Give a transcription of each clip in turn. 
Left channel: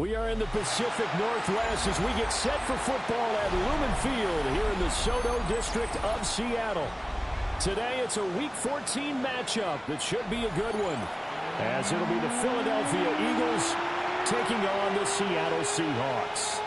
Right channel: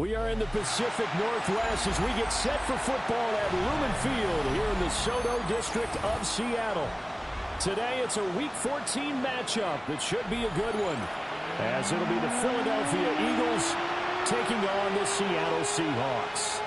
We are in the Pacific Northwest as we get set for football at Lumen Field here in the SoDo district of Seattle. Today it's a Week 14 matchup that should be a good one, as it'll be the Philadelphia Eagles taking on the Seattle Seahawks.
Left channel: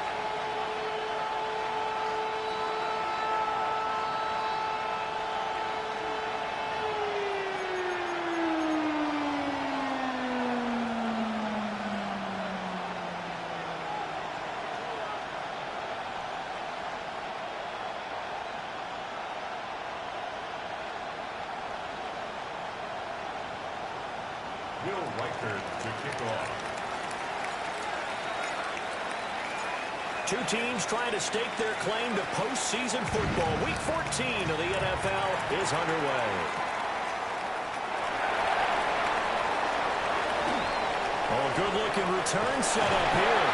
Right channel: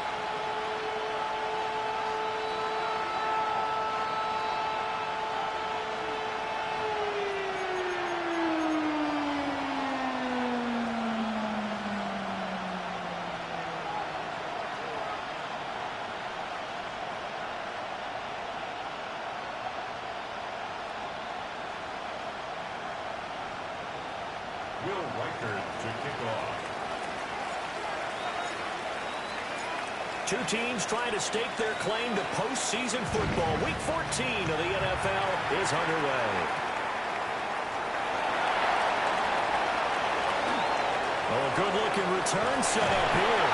Two teams trying to stake their claim to postseason football. Week 14 of the NFL is underway. Oh, a good-looking return set up here.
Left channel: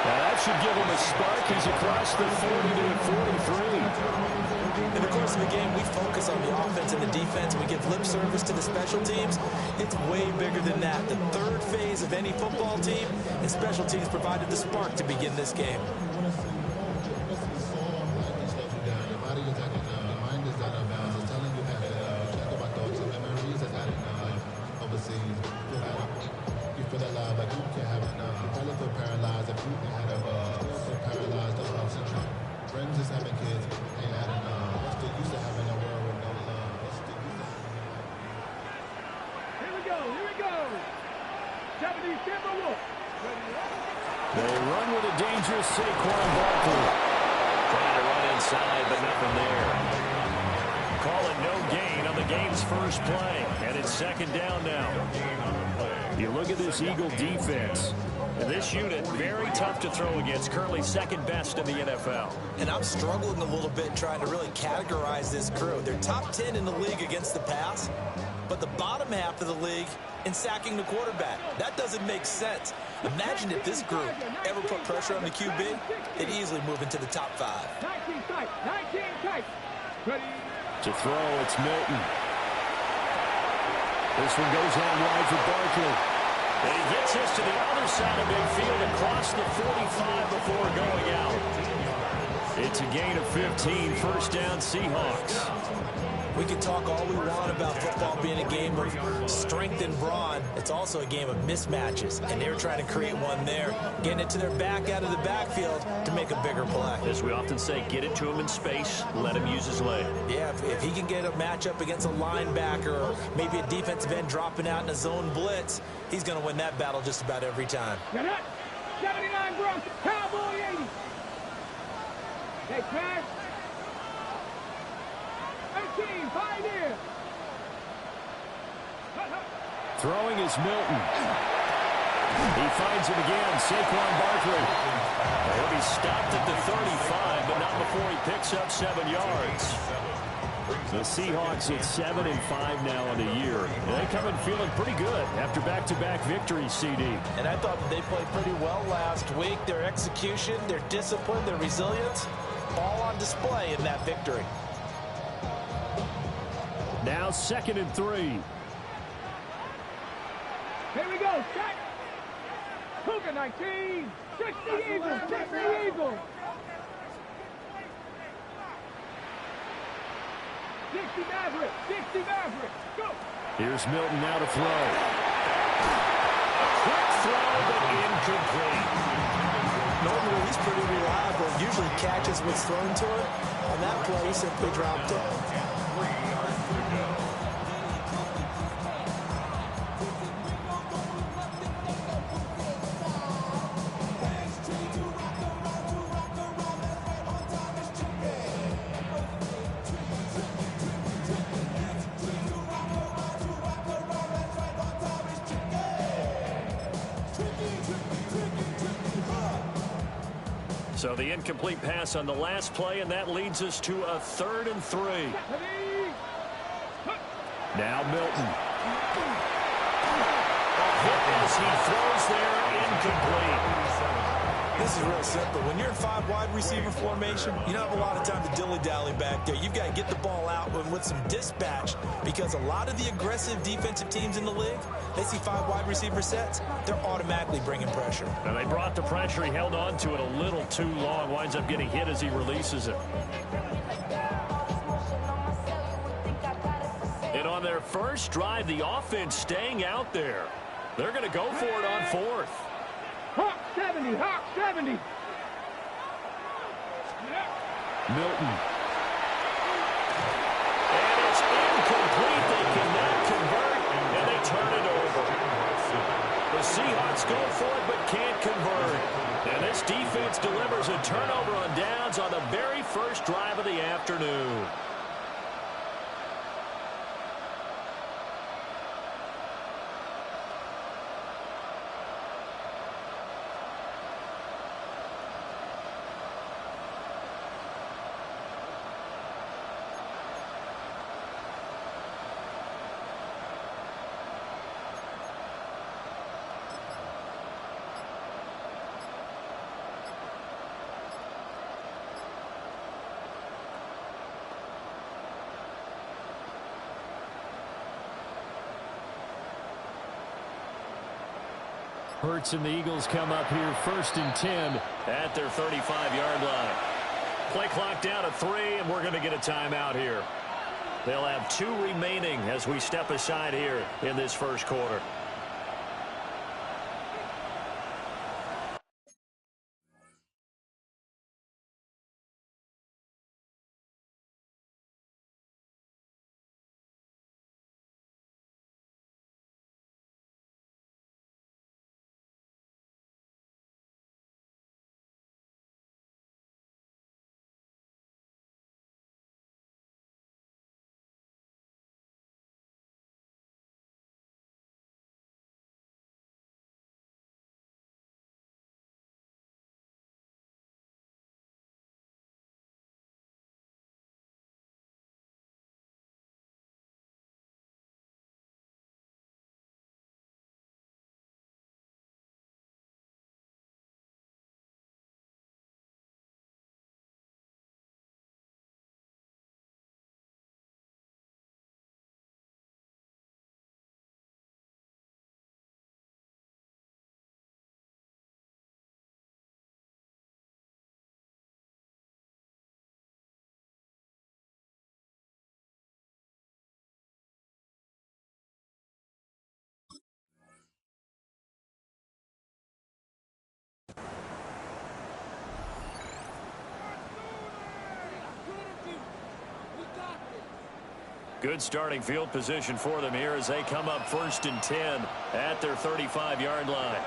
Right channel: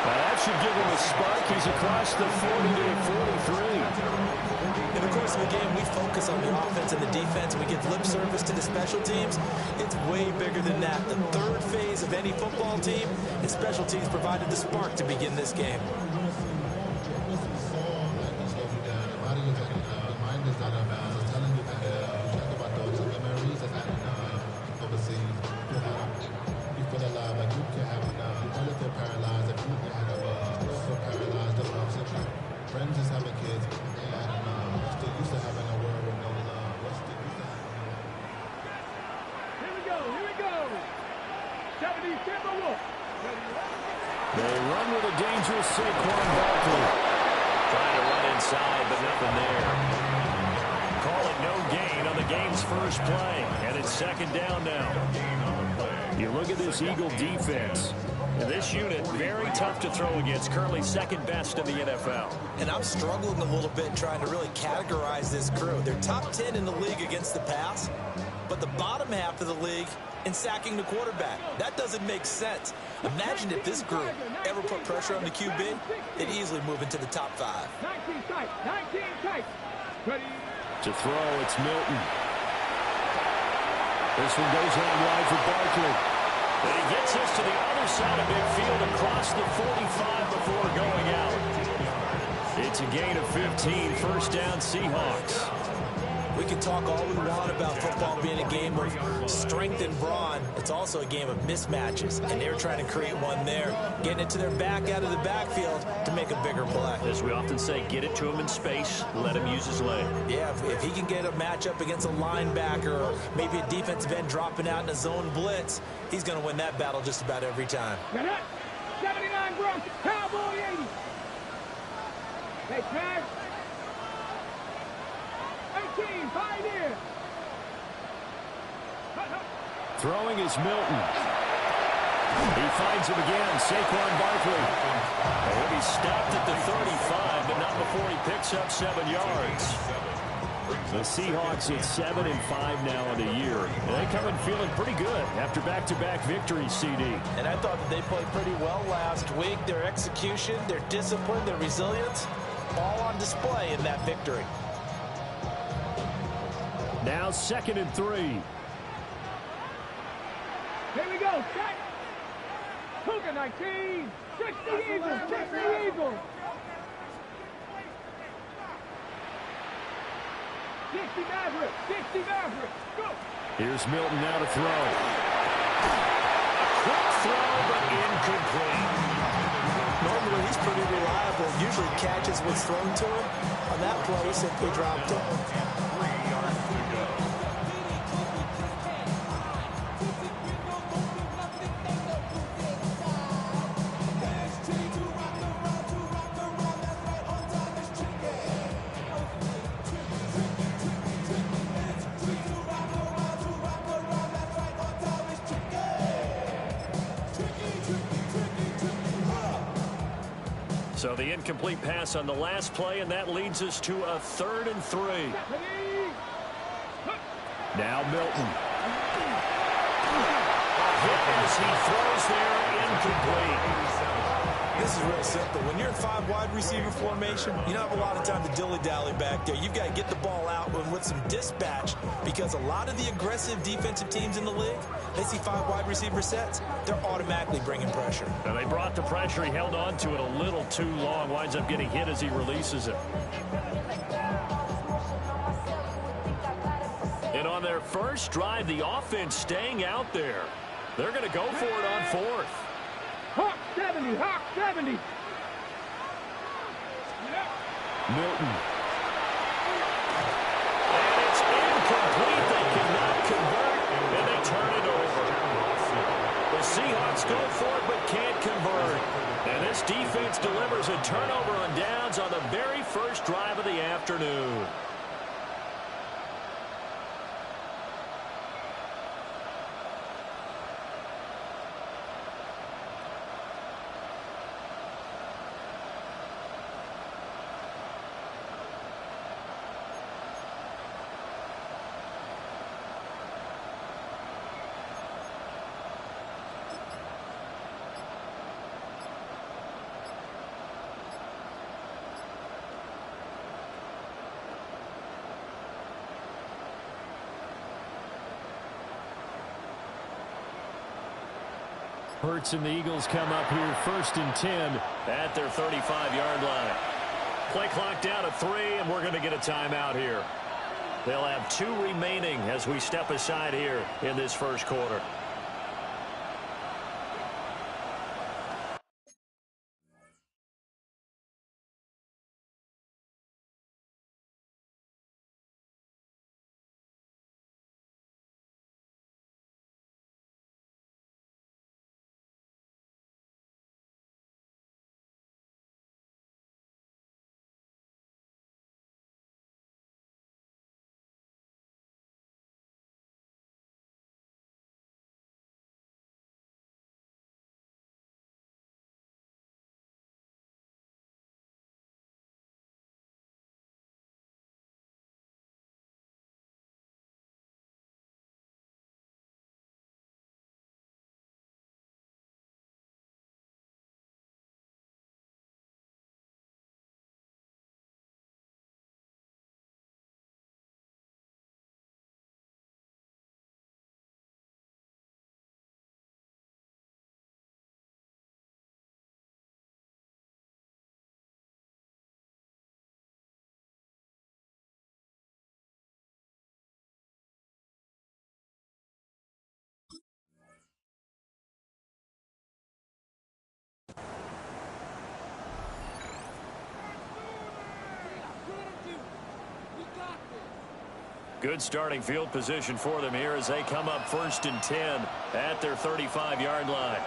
Now that should give him a spark. He's across the 40 to the 43. In the course of the game, we focus on the offense and the defense, and we give lip service to the special teams. It's way bigger than that. The third phase of any football team, and special teams provided the spark to begin this game. Friends is having kids. Ain't had enough. What's the use of having a world with no love? What's the use of having a life? Here we go. 70 Timberwolves. They run with a dangerous Saquon Barkley. Trying to run inside, but nothing there. Call it no gain on the game's first play, and it's second down now. You look at this Eagle defense. This unit, very tough to throw against, currently second best in the NFL. And I'm struggling a little bit trying to really categorize this crew. They're top 10 in the league against the pass, but the bottom half of the league in sacking the quarterback. That doesn't make sense. Imagine if this group ever put pressure on the QB, they'd easily move into the top 5. 19 tight. Ready. To throw, it's Milton. This one goes out wide for Barkley. And he gets this to the other side of midfield across the 45 before going out. It's a gain of 15, first down Seahawks. We can talk all we want about football being a game of strength and brawn. It's also a game of mismatches, and they're trying to create one there, getting it to their back out of the backfield to make a bigger play. As we often say, get it to him in space, let him use his leg. Yeah, if he can get a matchup against a linebacker or maybe a defensive end dropping out in a zone blitz, he's going to win that battle just about every time. Got it. 79 Bronx, Cowboy 80. They pass. 18, Pioneer. Throwing is Milton. He finds him again, Saquon Barkley. He'll be stopped at the 35, but not before he picks up 7 yards. The Seahawks at 7-5 now in the year. They come in feeling pretty good after back-to-back victories, CD. And I thought that they played pretty well last week. Their execution, their discipline, their resilience, all on display in that victory. Now 2nd and 3. Here we go. Check. Cougar 19. 60 Eagles. 60 Eagles. 60 Maverick. 60 Maverick. Go. Here's Milton now to throw. A quick throw, but incomplete. Normally, he's pretty reliable. Usually catches what's thrown to him. On that play, he simply dropped it. So the incomplete pass on the last play, and that leads us to a 3rd and 3. Now Milton. A hit as he throws there, incomplete. This is real simple. When you're in 5 wide receiver formation, you don't have a lot of time to dilly-dally back there. You've got to get the ball out with some dispatch, because a lot of the aggressive defensive teams in the league, they see 5 wide receiver sets, they're automatically bringing pressure. And they brought the pressure. He held on to it a little too long. Winds up getting hit as he releases it. And on their first drive, the offense staying out there. They're going to go for it on 4th. Hawk 70, Hawk 70. Milton. And it's incomplete. They cannot convert, and they turn it over. The Seahawks go for it but can't convert. And this defense delivers a turnover on downs on the very first drive of the afternoon. Hurts and the Eagles come up here 1st and 10 at their 35-yard line. Play clock down to 3, and we're going to get a timeout here. They'll have 2 remaining as we step aside here in this first quarter. Good starting field position for them here as they come up 1st and 10 at their 35-yard line.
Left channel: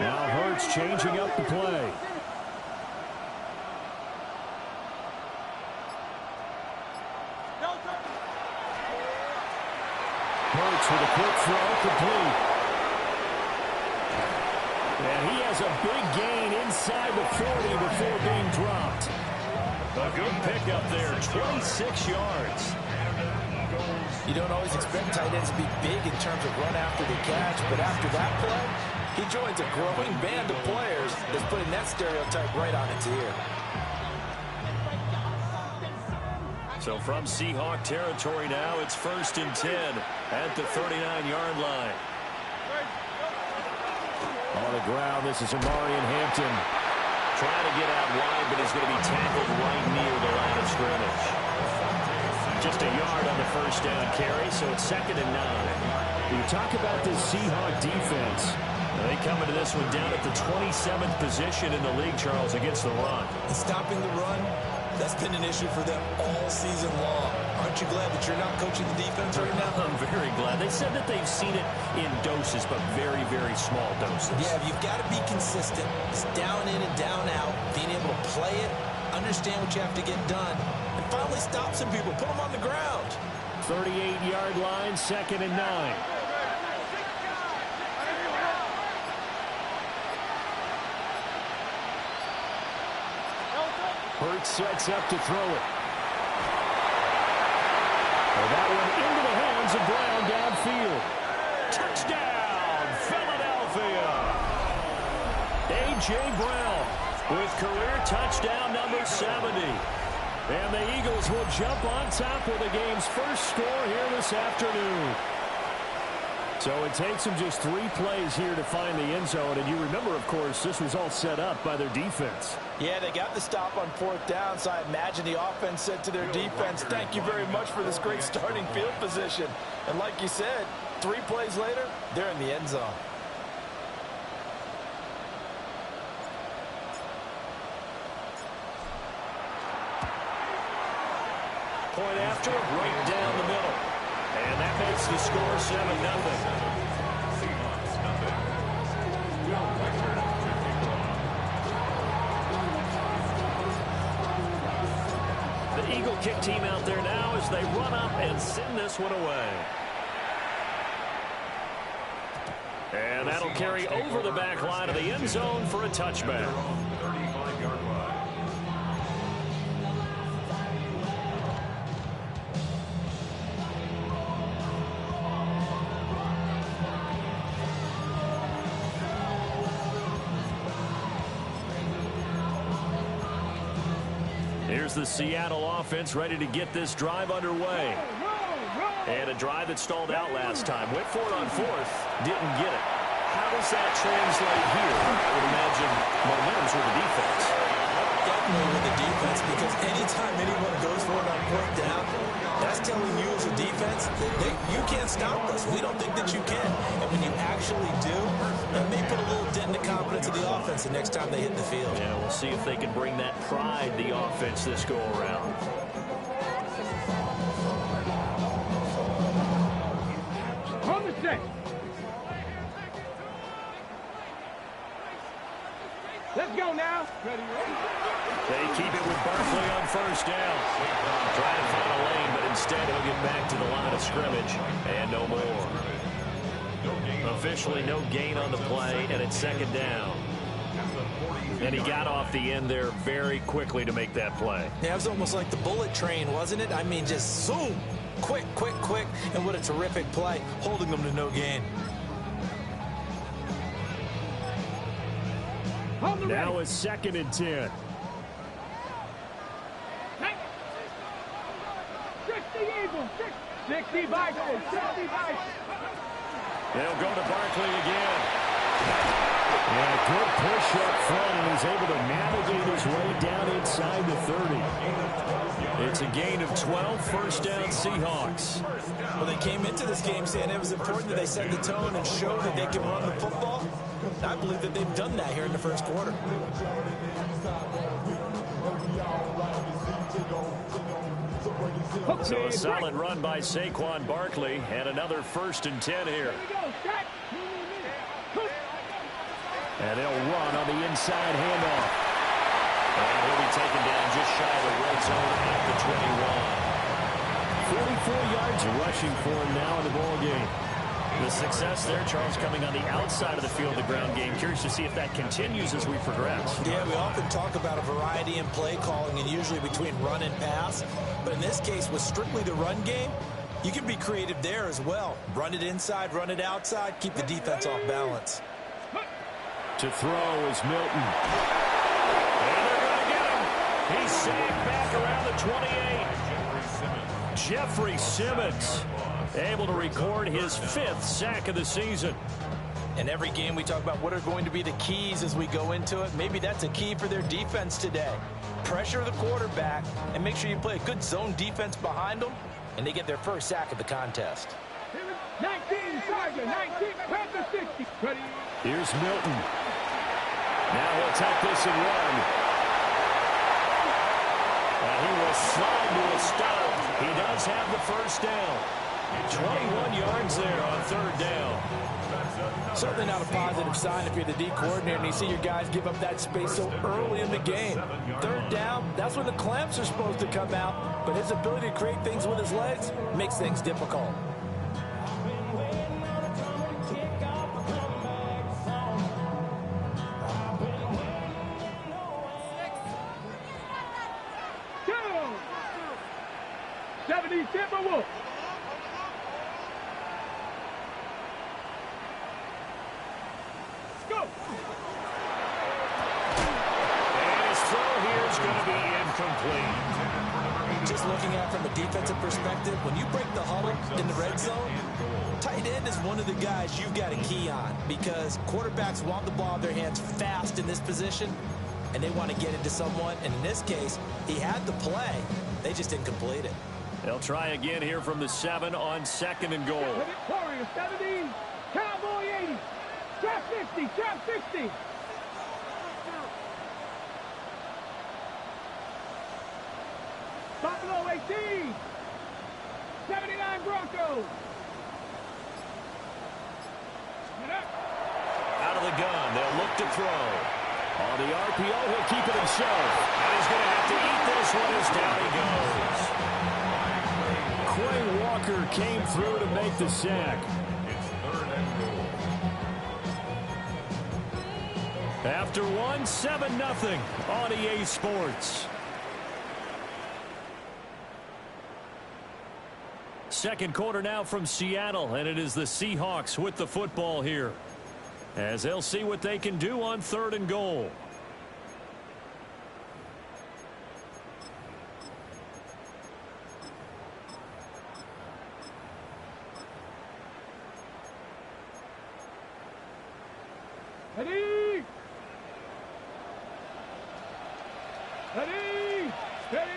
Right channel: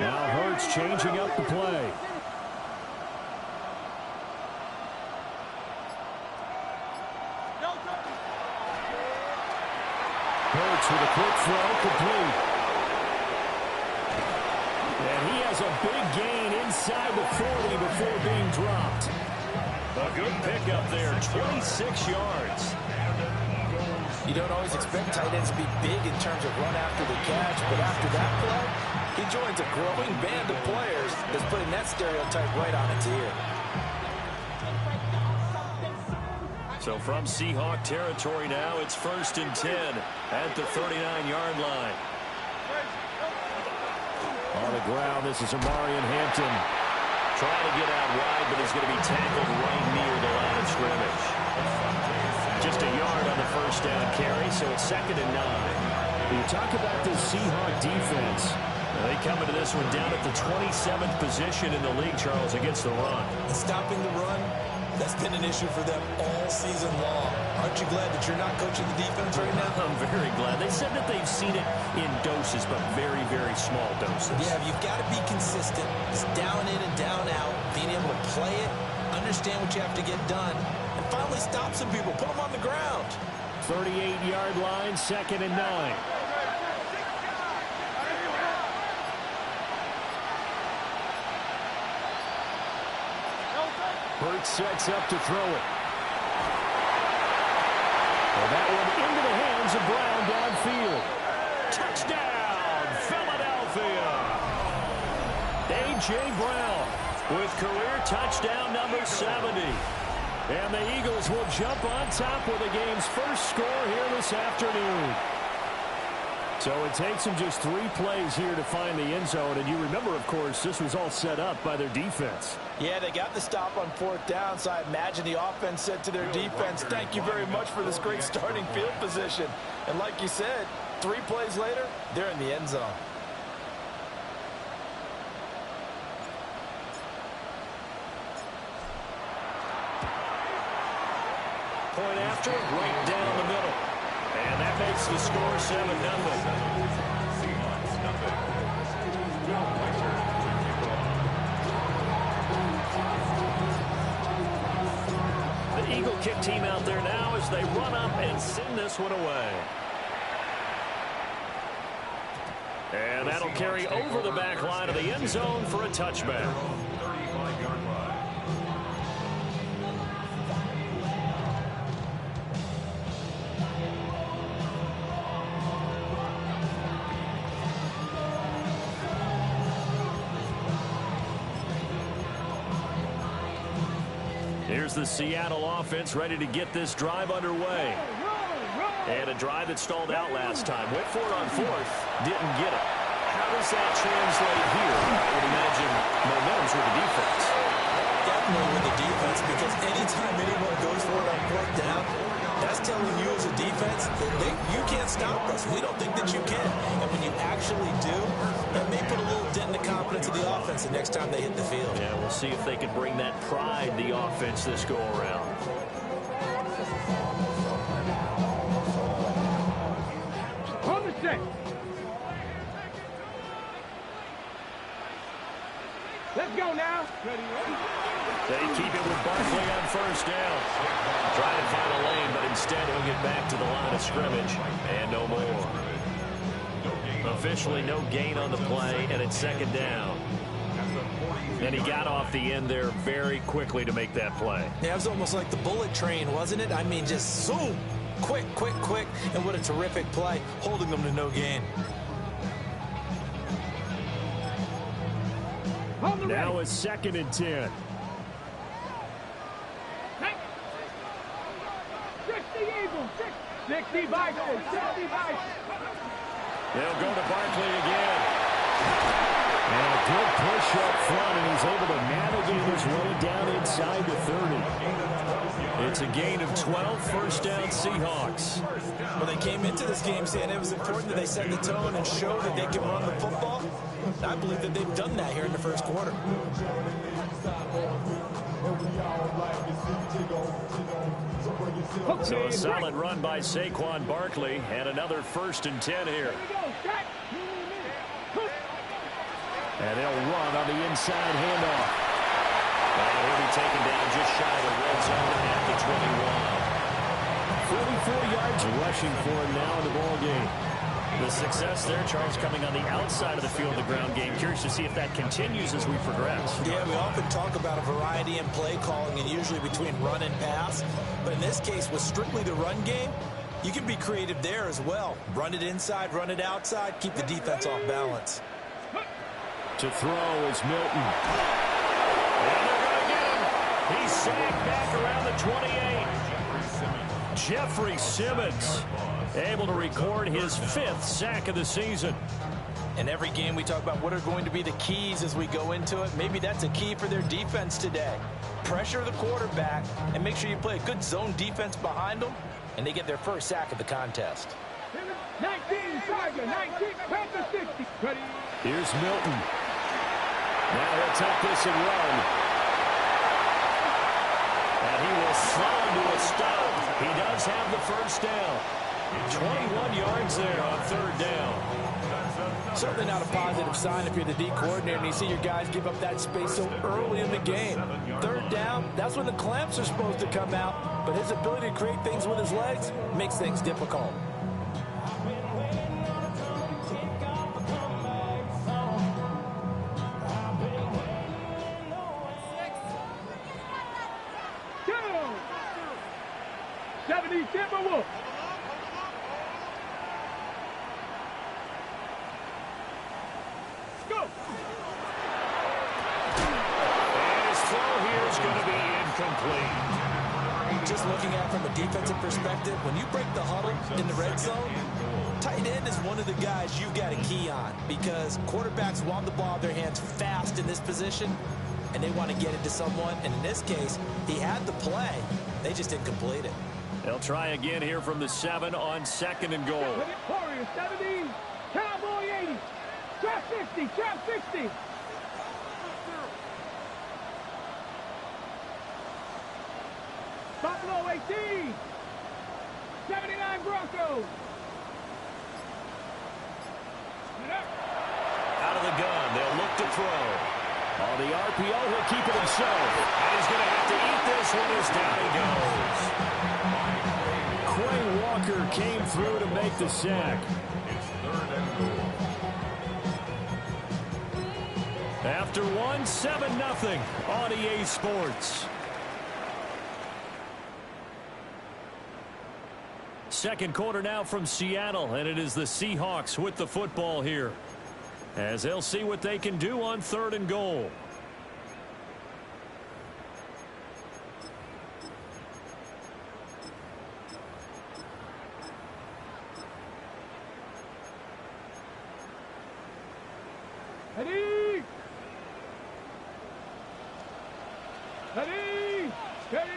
Now Hurts changing up the play. Hurts with a quick throw, complete. And he has a big gain inside the 40 before being dropped. A good pickup there, 26 yards. You don't always expect tight ends to be big in terms of run after the catch, but after that play, he joins a growing band of players that's putting that stereotype right on its ear. So from Seahawk territory now, it's 1st and 10 at the 39-yard line. On the ground, this is Amarian Hampton. Trying to get out wide, but he's going to be tackled right near the line of scrimmage. Just a yard on the first down carry, so it's 2nd and 9. You talk about this Seahawk defense. They come into this one down at the 27th position in the league, Charles, against the run. And stopping the run, that's been an issue for them all season long. Aren't you glad that you're not coaching the defense right now? I'm very glad. They said that they've seen it in doses, but very, very small doses. Yeah, you've got to be consistent. It's down in and down out, being able to play it, understand what you have to get done, and finally stop some people, put them on the ground. 38-yard line, 2nd and 9. Hurts sets up to throw it. Well, that one into the hands of Brown downfield. Touchdown, Philadelphia. A.J. Brown with career touchdown number 70. And the Eagles will jump on top with the game's first score here this afternoon. So it takes them just 3 plays here to find the end zone. And you remember, of course, this was all set up by their defense. Yeah, they got the stop on 4th down, so I imagine the offense said to their defense, thank you very much for this great starting field position. And like you said, 3 plays later, they're in the end zone. Point after, right down the middle. And that makes the score 7-0. The Eagle kick team out there now as they run up and send this one away. And that'll carry over the back line of the end zone for a touchback. 35-yard line. Here's the Seattle offense ready to get this drive underway. And a drive that stalled out last time. Went for it on 4th. Didn't get it. How does that translate here? I would imagine momentum's with the defense. Definitely with the defense, because anytime anyone goes for it on 4th down, that's telling you as a defense that you can't stop us. We don't think that you can. And when you actually do, that may put a little dent in the confidence of the offense the next time they hit the field. Yeah, we'll see if they can bring that pride, the offense, this go around. On the set. Let's go now. Ready. They keep it with Barkley on 1st down. Trying to find a lane, but instead he'll get back to the line of scrimmage. And no more. Officially no gain on the play, and it's 2nd down. And he got off the end there very quickly to make that play. Yeah, it was almost like the bullet train, wasn't it? I mean, just zoom. Quick, quick, quick. And what a terrific play, holding them to no gain. Now it's 2nd and 10. 60 Eagles, 60 Vikings, 60 Vikings. They'll go to Barkley again. And a good push up front, and he's able to navigate his way down inside the 30. It's a gain of 12, 1st down Seahawks. Well, they came into this game saying it was important that they set the tone and show that they can run the football. I believe that they've done that here in the 1st quarter. So a solid run by Saquon Barkley, and another 1st and 10 here. And they'll run on the inside handoff. And he'll be taken down just shy of the red zone at the 21. 44 yards rushing for him now in the ball game. The success there, Charles, coming on the outside of the field, the ground game. Curious to see if that continues as we progress. Yeah, we often talk about a variety in play calling and usually between run and pass. But in this case, with strictly the run game, you can be creative there as well. Run it inside, run it outside, keep the defense off balance. To throw is Milton. And they're going to get him. He's sacked back around the 28. Jeffrey Simmons able to record his 5th sack of the season. In every game we talk about what are going to be the keys as we go into it. Maybe that's a key for their defense today. Pressure the quarterback and make sure you play a good zone defense behind them, and they get their 1st sack of the contest. 19, Tiger, 19, Panther 60. Ready. Here's Milton. Now he'll tuck this and run. And he will slide to a stop. He does have the 1st down. 21 yards there on 3rd down. Certainly not a positive sign if you're the D coordinator and you see your guys give up that space so early in the game. 3rd down, that's when the clamps are supposed to come out. But his ability to create things with his legs makes things difficult. is going to be incomplete. Just looking at it from a defensive perspective, when you break the huddle in the red zone, tight end is one of the guys you've got a key on because quarterbacks want the ball in their hands fast in this position, and they want to get it to someone. And in this case, he had the play. They just didn't complete it. They'll try again here from the 7 on 2nd and goal. Warriors 70, Cowboy 80, trap 50, trap 60. Buffalo 18, 79 Broncos. Out of the gun, they'll look to throw. On the RPO, he'll keep it himself. And he's going to have to eat this one as down he goes. Quay Walker came through to make the sack. It's 3rd and goal. After 1, 7-0 on EA Sports. Second quarter now from Seattle, and it is the Seahawks with the football here, as they'll see what they can do on 3rd and goal. Ready! Ready! Steady!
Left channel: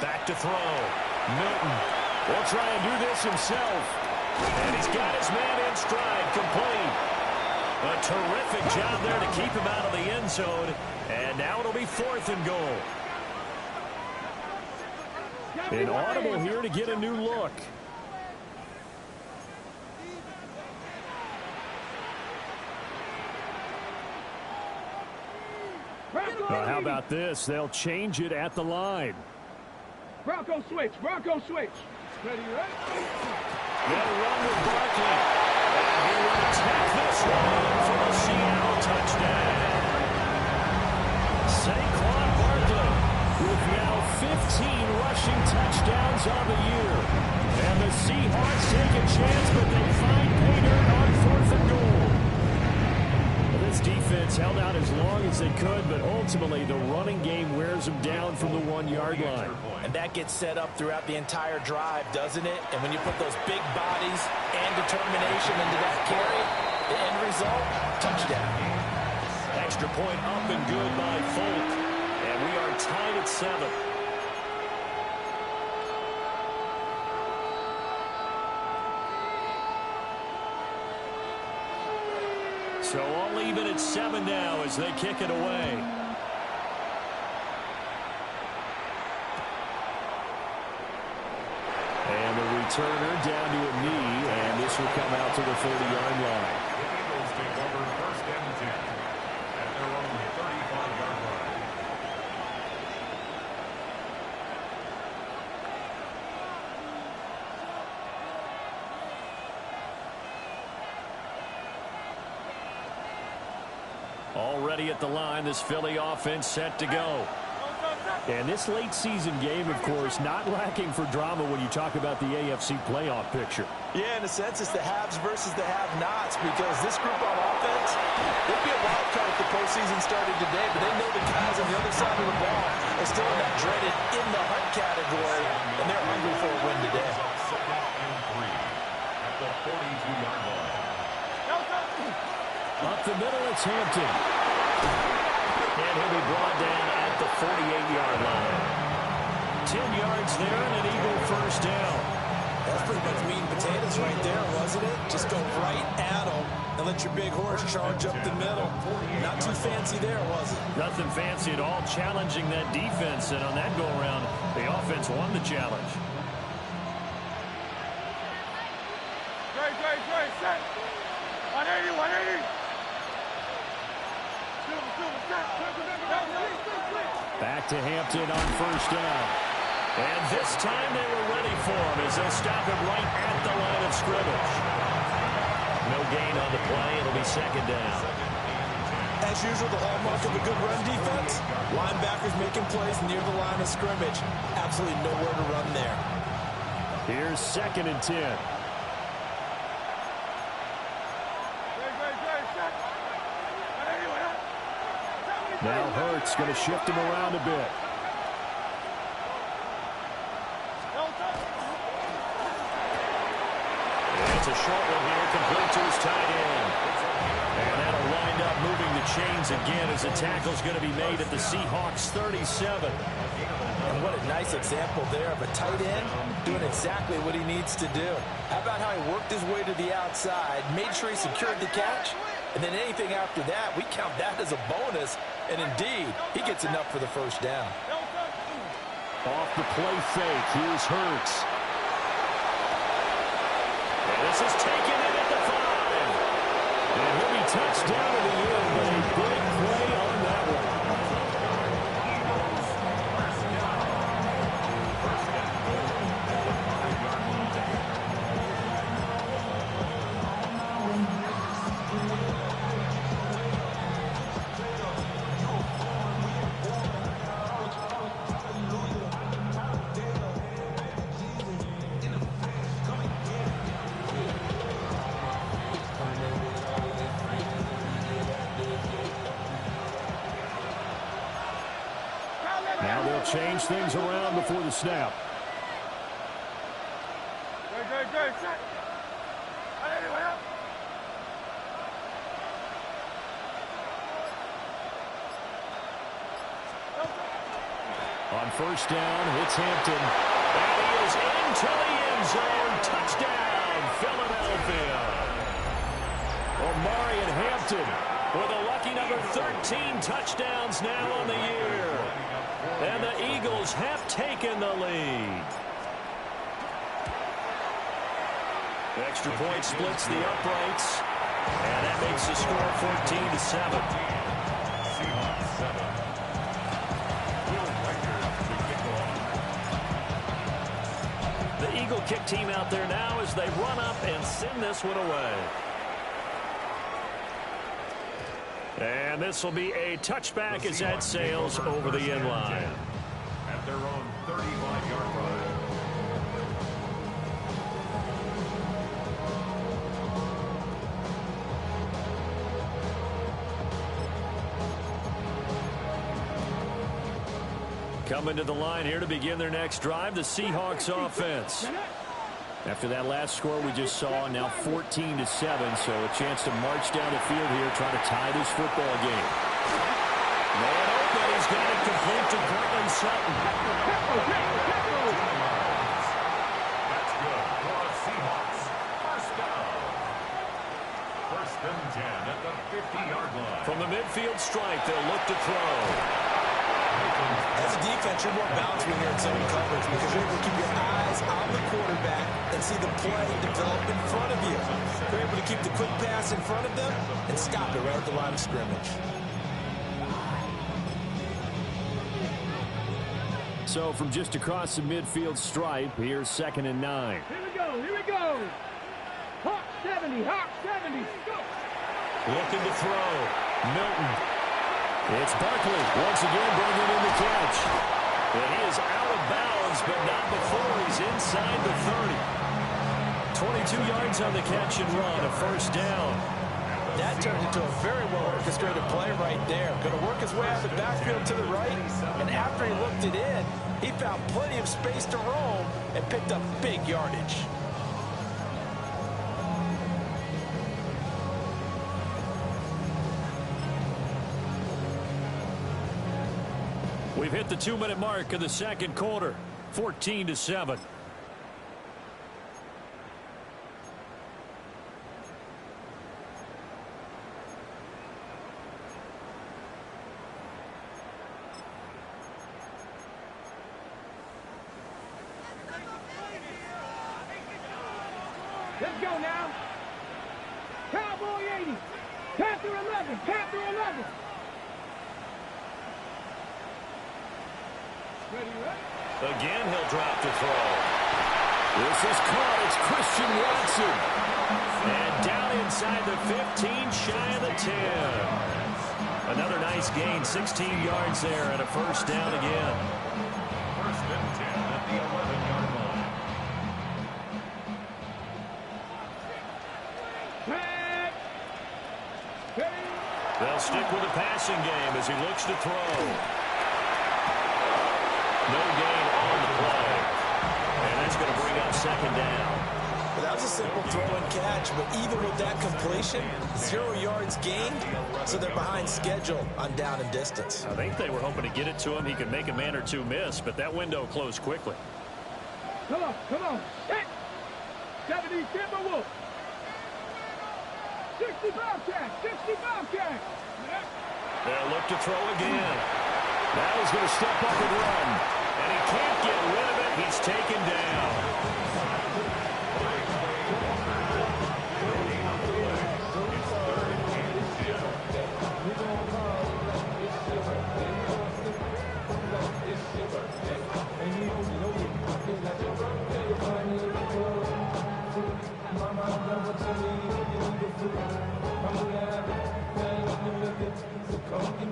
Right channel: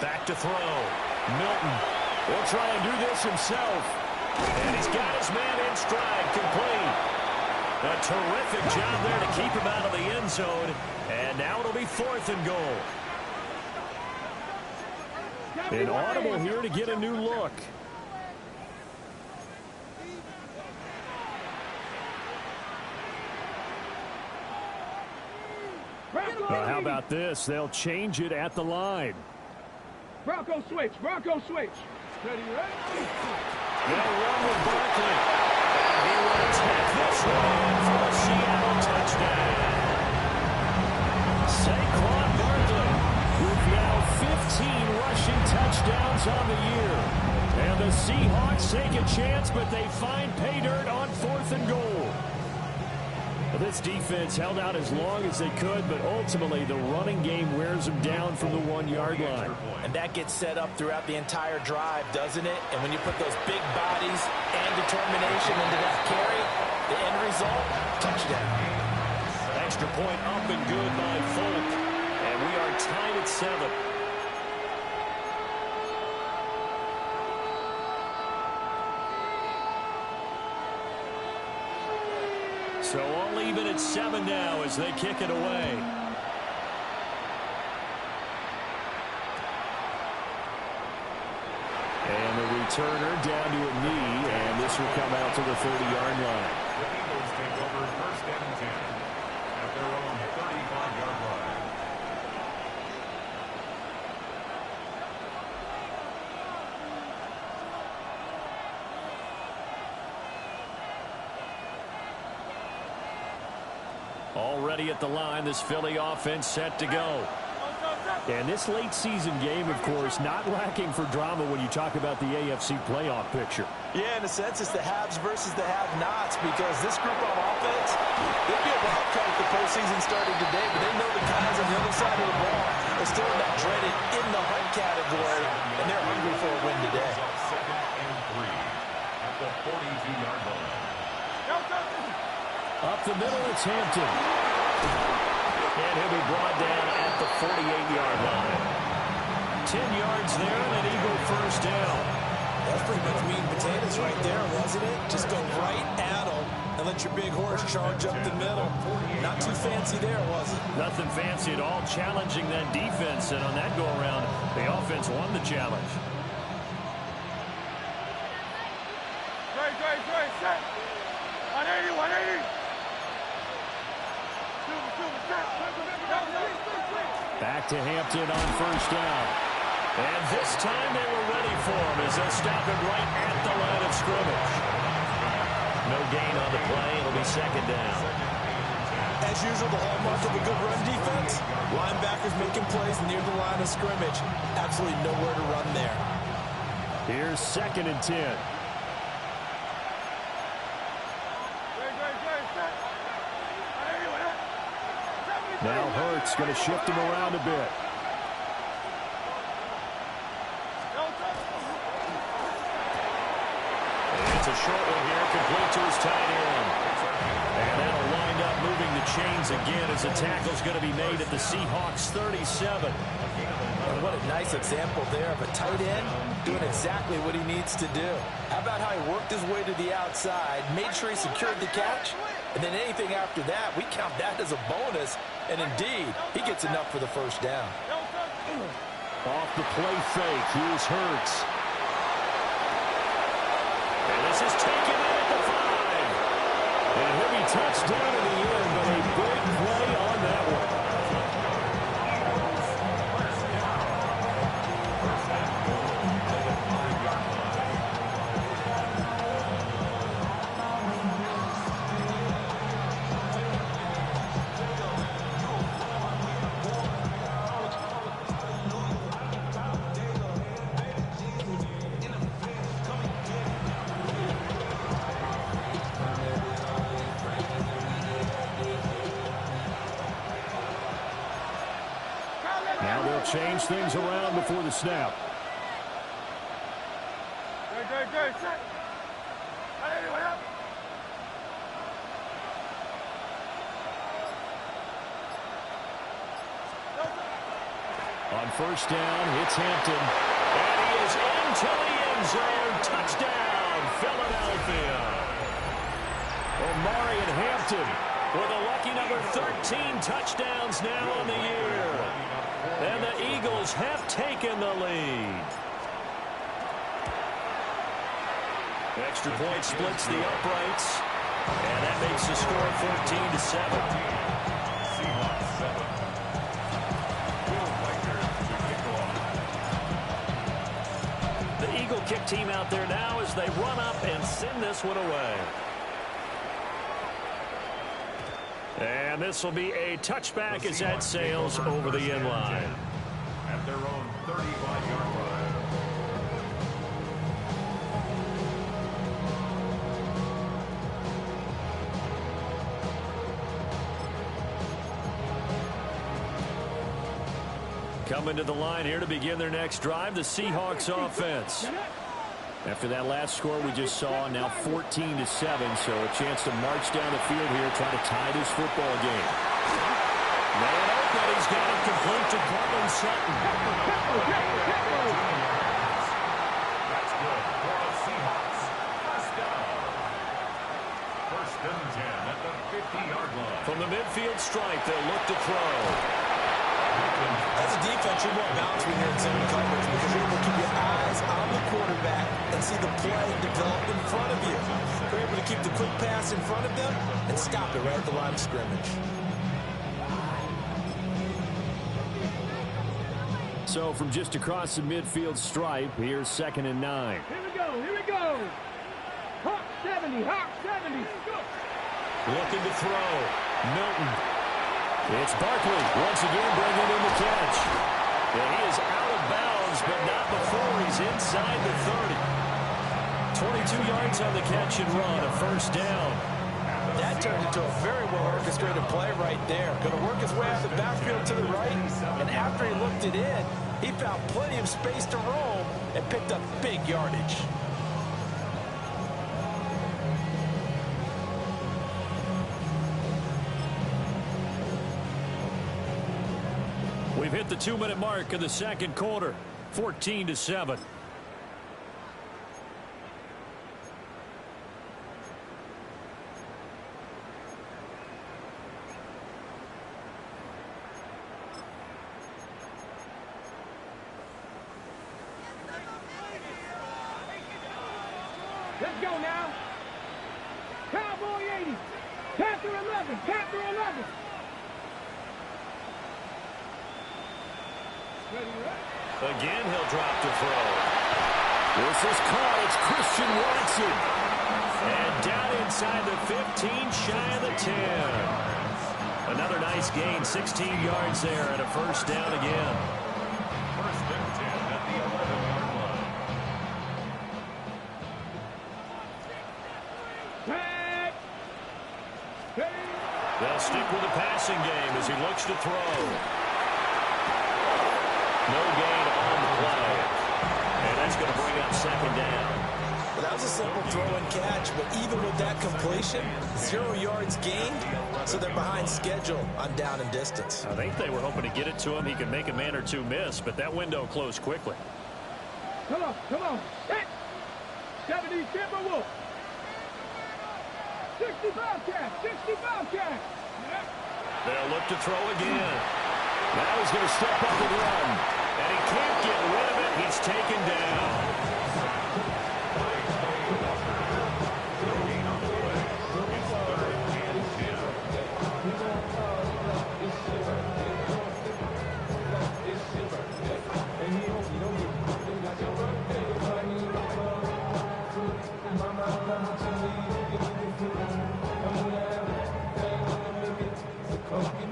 Back to throw. Milton. He'll try and do this himself. And he's got his man in stride, complete. A terrific job there to keep him out of the end zone. And now it'll be 4th and goal. An audible here to get a new look. How about this? They'll change it at the line. Bronco switch, Bronco switch. Ready, ready? They'll run with Barkley. And he will attack this one in for the Seattle touchdown. Saquon Barkley with now 15 rushing touchdowns on the year. And the Seahawks take a chance, but they find pay dirt on 4th and goal. Well, this defense held out as long as they could, but ultimately the running game wears them down from the 1-yard line. And that gets set up throughout the entire drive, doesn't it? And when you put those big bodies and determination into that carry, the end result, touchdown. Extra point up and good by Folk. And we are tied at 7. So all even at 7 now as they kick it away. And the returner down to a knee, and this will come out to the 30-yard line. The Eagles take over 1st and 10 at their own 35-yard line. Already at the line, this Philly offense set to go. And this late season game, of course, not lacking for drama when you talk about the AFC playoff picture. Yeah, in a sense, it's the haves versus the have-nots because this group on offense, they'd be a wild card if the postseason started today, but they know the guys on the other side of the ball are still in that dreaded in-the-hunt category, and they're hungry for a win today. 2nd and 3 at the 42-yard line. Up the middle, it's Hampton. And he'll be brought down at the 48-yard line. 10 yards there and an Eagle first down. That's pretty much meat and potatoes right there, wasn't it? Just go right at them and let your big horse charge up the middle. Not too fancy there, was it? Nothing fancy at all, challenging that defense. And on that go-around, the offense won the challenge. Dre, set. 180, 180. Back to Hampton on first down. And this time they were ready for him as they'll stop him right at the line of scrimmage. No gain on the play. It'll be 2nd down. As usual, the hallmark of a good run defense, linebackers making plays near the line of scrimmage. Absolutely nowhere to run there. Here's 2nd and 10. Now Hurts going to shift him around a bit. It's a short one here, complete to his tight end. And that'll wind up moving the chains again as the tackle's going to be made at the Seahawks 37. And what a nice example there of a tight end doing exactly what he needs to do. How about how he worked his way to the outside, made sure he secured the catch, and then anything after that, we count that as a bonus. And indeed, he gets enough for the first down. Off the play fake, here's Hurts. And this is taken in at the 5. And he'll be touched down to the end, but a big play on that one. Now they'll change things around before the snap. On first down, it's Hampton. And he is into the end zone. Touchdown, Philadelphia. Omari and Hampton with a lucky number 13 touchdowns now on the year. And the Eagles have taken the lead. Extra point splits the uprights. And that makes the score 14-7. Seahawks 7. Will Riker to kick off. The Eagle kick team out there now as they run up and send this one away. And this will be a touchback as that sails over the end line. At their own 35-yard line. Coming to the line here to begin their next drive, the Seahawks offense. After that last score we just saw, now 14-7, so a chance to march down the field here, trying to tie this football game. Man open, he's got it complete to Cortland Sutton. That's good for a Seahawks first down. First and 10 at the 50-yard line. From the midfield stripe, they'll look to throw. As a defense, you're more balanced when you're in zone coverage because you're able to keep your eyes on the quarterback and see the play develop in front of you. You're able to keep the quick pass in front of them and stop it right at the line of scrimmage. So from just across the midfield stripe, here's 2nd and 9. Here we go, here we go. Hawk 70, Hawk 70. Go. Looking to throw. Milton. It's Barkley once again bringing in the catch. And he is out of bounds, but not before he's inside the 30. 22 yards on the catch and run, a first down. That turned into a very well-orchestrated play right there. Going to work his way out the backfield to the right, and after he looked it in, he found plenty of space to roam and picked up big yardage. We've hit the 2-minute mark of the second quarter, 14-7. Let's go now. Cowboy 80. Panther 11. Panther 11. Ready, ready? Again, he'll drop to throw. This is caught. It's Christian Watson. And down inside the 15, shy of the 10. Another nice gain, 16 yards there, and a first down again. First and 10 at the 11-yard line. Tag. Ready. They'll stick with the passing game as he looks to throw. No gain on the play. And that's going to bring up second down. Well, that was a simple throw and catch, but even with that completion, 0 yards gained, so they're behind schedule on down and distance. I think they were hoping to get it to him. He could make a man or two miss, but that window closed quickly. Come on, set. 70 Timberwolves. 65 catch. They'll look to throw again. Now he's going to step up and run. And he can't get rid of it. He's taken down.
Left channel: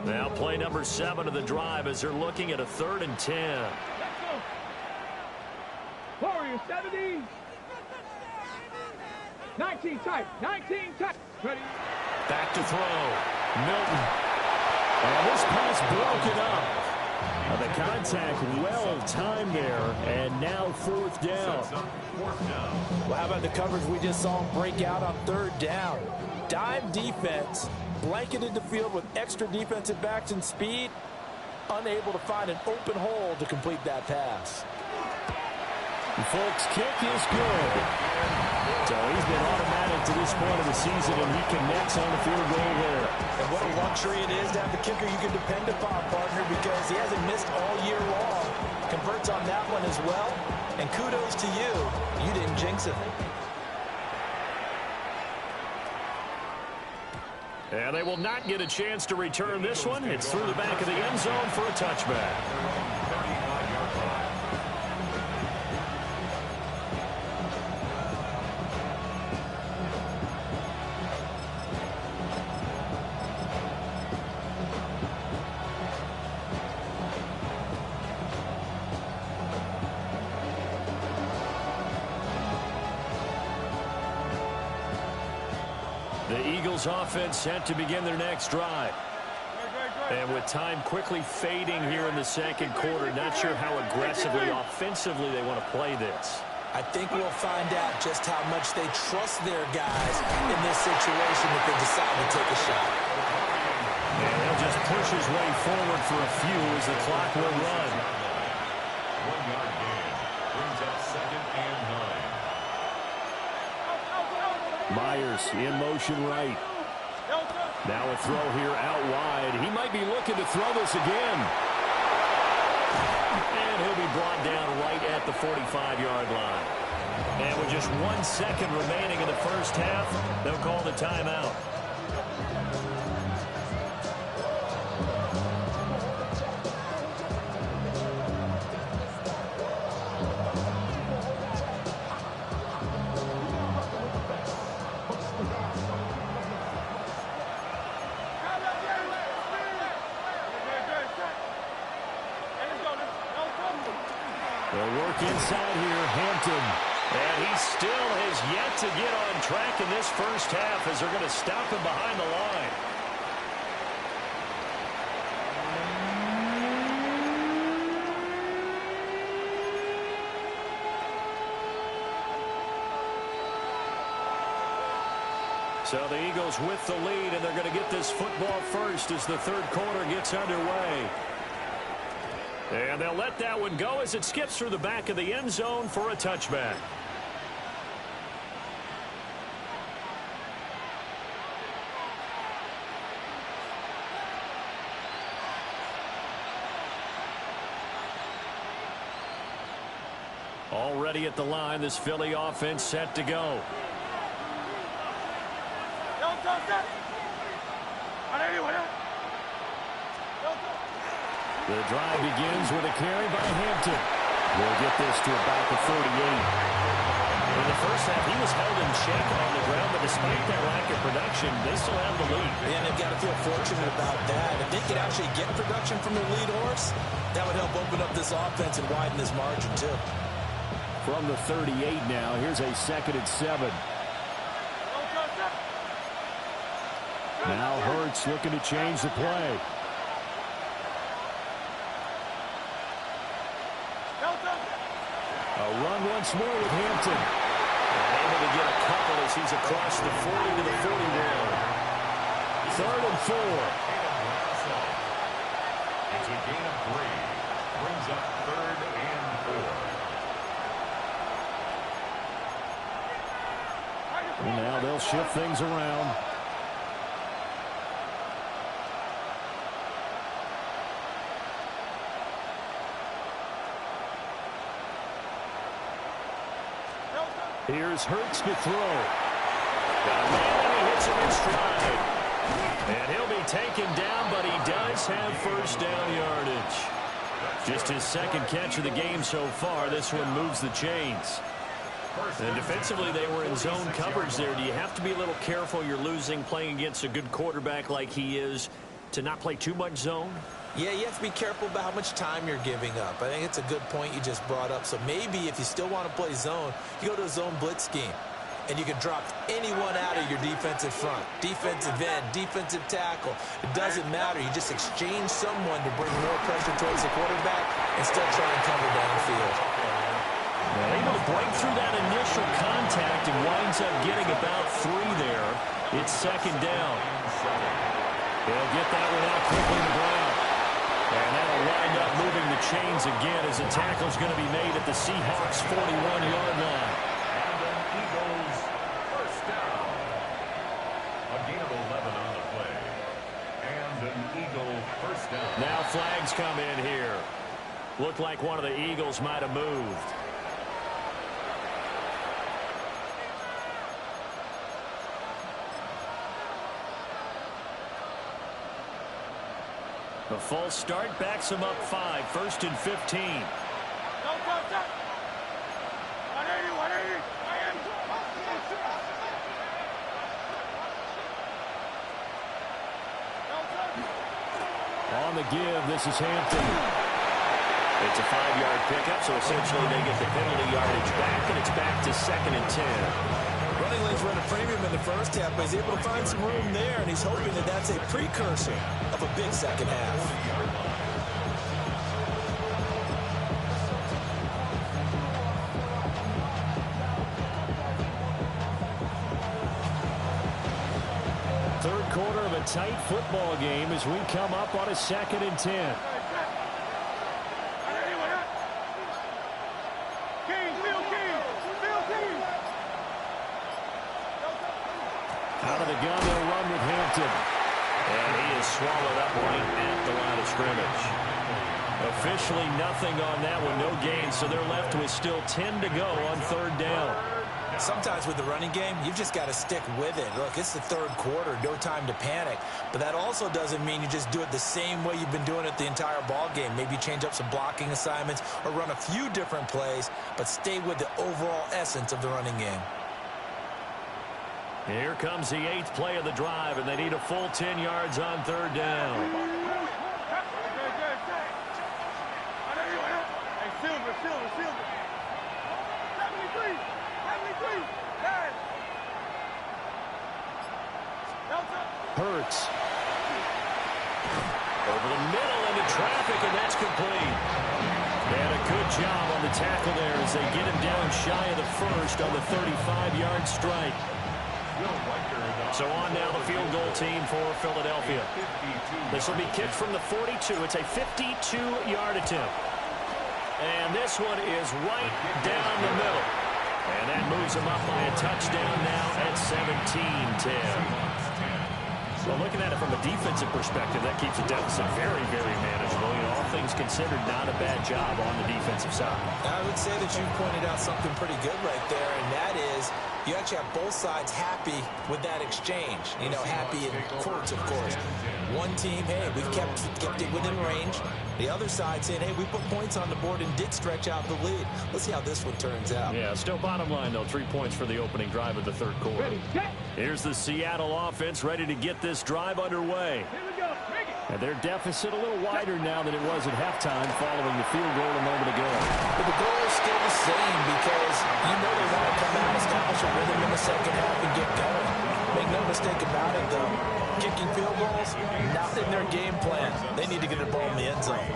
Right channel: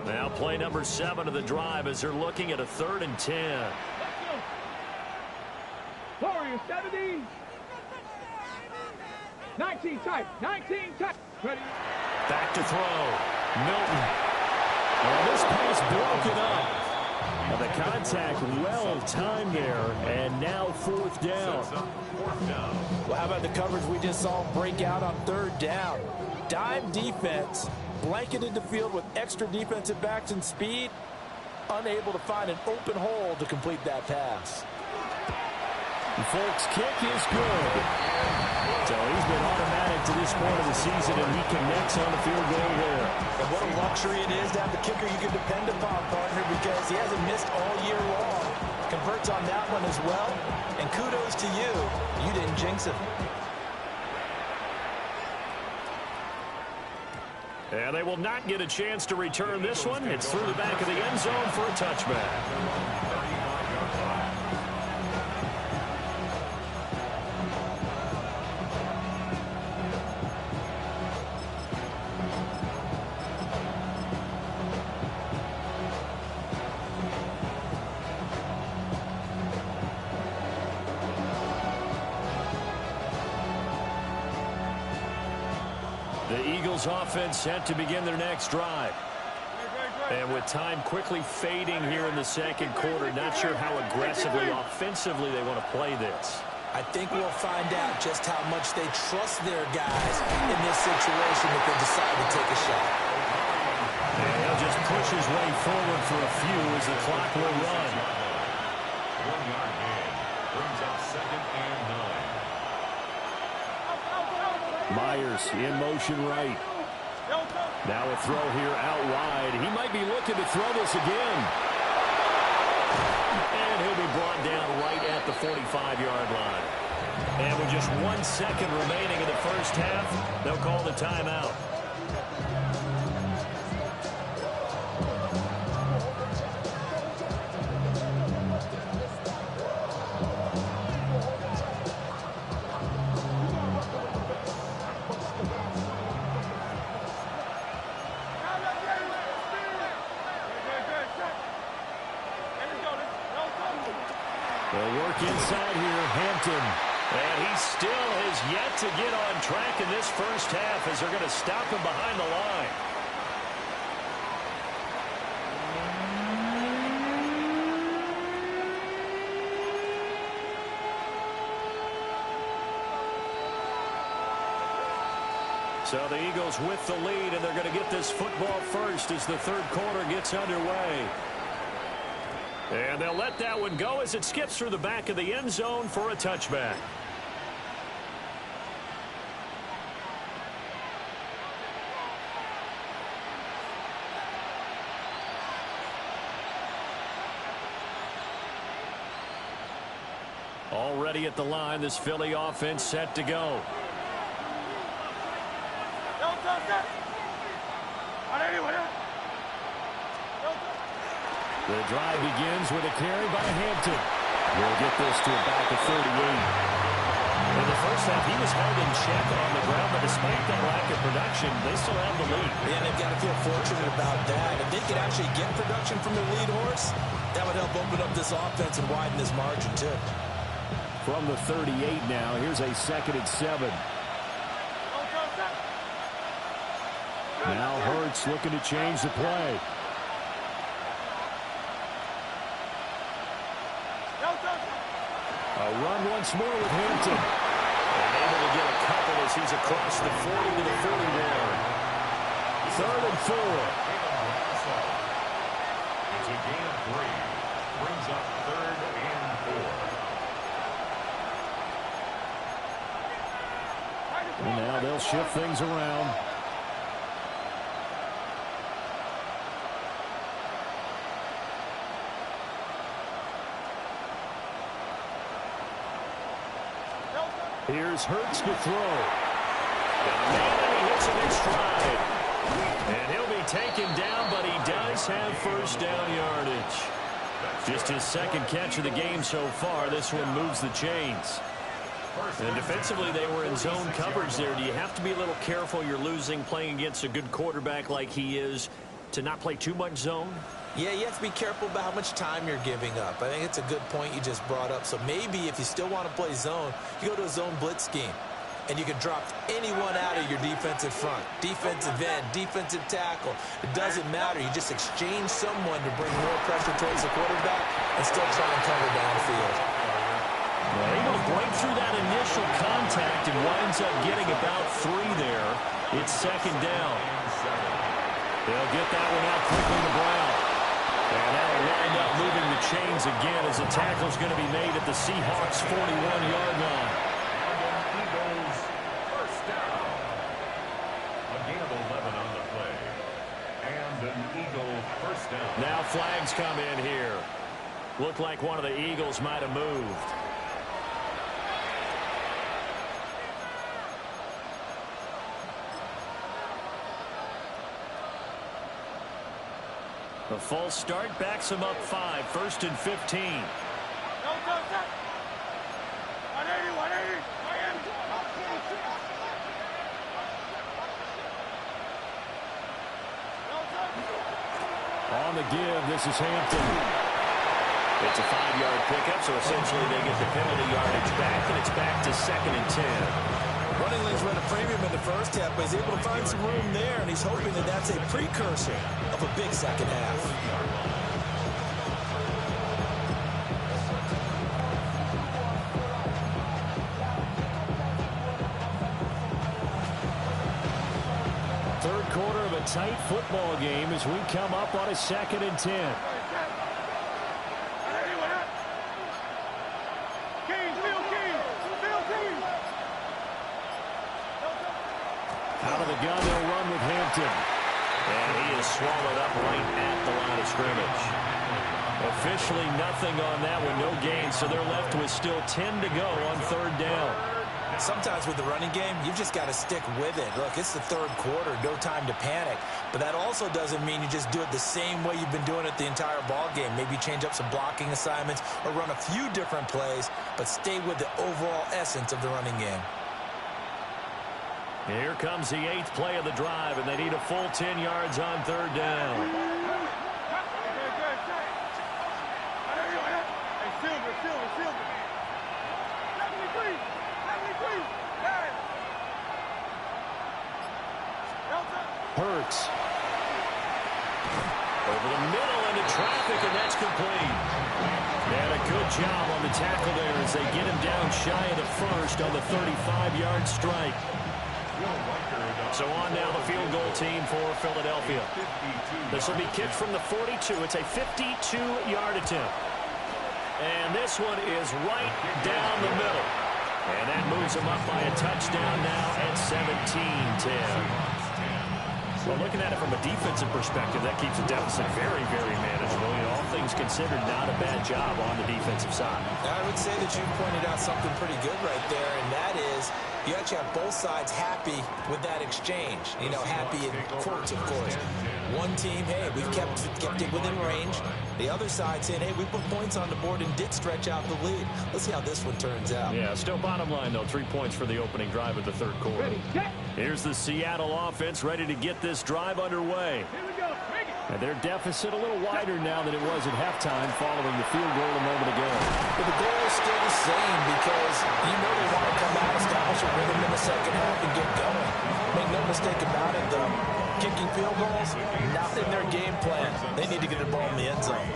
Now play number 7 of the drive as they're looking at a 3rd and 10. Let's go. Warriors 70. 19 tight. Ready. Back to throw. Milton. Oh, this pass broken up. The contact well timed there, and now 4th down. Well, how about the coverage we just saw break out on 3rd down? Dime defense, blanketed the field with extra defensive backs and speed, unable to find an open hole to complete that pass. Folks, kick is good. So he's been automatic to this point of the season, and he connects on the field goal there. And what a luxury it is to have a kicker you can depend upon, partner, because he hasn't missed all year long. Converts on that one as well. And kudos to you. You didn't jinx it. And they will not get a chance to return this one. It's through the back of the end zone for a touchback. The Eagles offense set to begin their next drive. And with time quickly fading here in the second quarter, not sure how aggressively, offensively they want to play this. I think we'll find out just how much they trust their guys in this situation if they decide to take a shot. And he'll just push his way forward for a few as the clock will run. 1-yard gain brings up 2nd and 9. Myers in motion right. Now a throw here out wide. He might be looking to throw this again. And he'll be brought down right at the 45-yard line. And with just 1 second remaining in the first half, they'll call the timeout. They'll work inside here, Hampton. And he still has yet to get on track in this first half as they're going to stop him behind the line. So the Eagles with the lead, and they're going to get this football first as the third quarter gets underway. And they'll let that one go as it skips through the back of the end zone for a touchback. Already at the line, this Philly offense set to go. The drive begins with a carry by Hampton. We'll get this to about the 38. In the first half, he was held in check on the ground, but despite that lack of production, they still have the lead. And they've got to feel fortunate about that. If they could actually get production from their lead horse, that would help open up this offense and widen this margin, too. From the 38 now, here's a 2nd and 7. Now Hurts Hurts looking to change the play. A run once more with Hampton. And able to get a couple as he's across the 40 to the 41. 3rd and 4. It's a gain of 3. Brings up 3rd and 4. And now they'll shift things around. Here's Hurts to throw. Got a man, and he hits him in stride. And he'll be taken down, but he does have first down yardage. Just his second catch of the game so far. This one moves the chains. And defensively, they were in zone coverage there. Do you have to be a little careful? You're losing playing against a good quarterback like he is to not play too much zone? Yeah, you have to be careful about how much time you're giving up. I think it's a good point you just brought up. So maybe if you still want to play zone, you go to a zone blitz scheme. And you can drop anyone out of your defensive front. Defensive end, defensive tackle. It doesn't matter. You just exchange someone to bring more pressure towards the quarterback and still try and cover downfield. Well, able to break through that initial contact and winds up getting about 3 there. It's 2nd down. They'll get that one out quickly to Brown. And that'll wind up moving the chains again as the tackle's going to be made at the Seahawks' 41-yard line. And an Eagles first down. A gain of 11 on the play. And an Eagle first down. Now flags come in here. Looked like one of the Eagles might have moved. The false start backs him up 5. 1st and 15. 180, 180, Miami. On the give, this is Hampton. It's a 5-yard pickup, so essentially they get the penalty yardage back, and it's back to 2nd and 10. Running lanes run a premium in the first half, but he's able to find some room there, and he's hoping that that's a precursor of a big second half. Third quarter of a tight football game as we come up on a 2nd and 10. Out of the gun, they'll run with Hampton. And he is swallowed up right at the line of scrimmage. Officially nothing on that one, no gain, so they're left with still 10 to go on 3rd down. Sometimes with the running game, you've just got to stick with it. Look, it's the 3rd quarter, no time to panic. But that also doesn't mean you just do it the same way you've been doing it the entire ball game. Maybe change up some blocking assignments or run a few different plays, but stay with the overall essence of the running game. Here comes the 8th play of the drive, and they need a full 10 yards on 3rd down. Hey, Silver. 73. Hurts. Over the middle into traffic, and that's complete. And a good job on the tackle there as they get him down shy of the first on the 35-yard strike. So on now the field goal team for Philadelphia. This will be kicked from the 42. It's a 52-yard attempt. And this one is right down the middle. And that moves them up by a touchdown now at 17-10. Well, looking at it from a defensive perspective, that keeps the deficit very, very manageable. You know, all things considered, not a bad job on the defensive side. I would say that you pointed out something pretty good right there, and that is you actually have both sides happy with that exchange. You know, happy in quotes, of course. One team, hey, we've kept it within range. The other side saying, hey, we put points on the board and did stretch out the lead. Let's see how this one turns out. Yeah, still bottom line, though, 3 points for the opening drive of the 3rd quarter. Ready, set. Here's the Seattle offense ready to get this drive underway. Here we go. Bring it. And their deficit a little wider now than it was at halftime following the field goal a moment ago. But the goal is still the same because you know they want to come out, establish a rhythm in the second half, and get going. Make no mistake about it, though. Kicking field goals, not in their game plan. They need to get the ball in the end zone.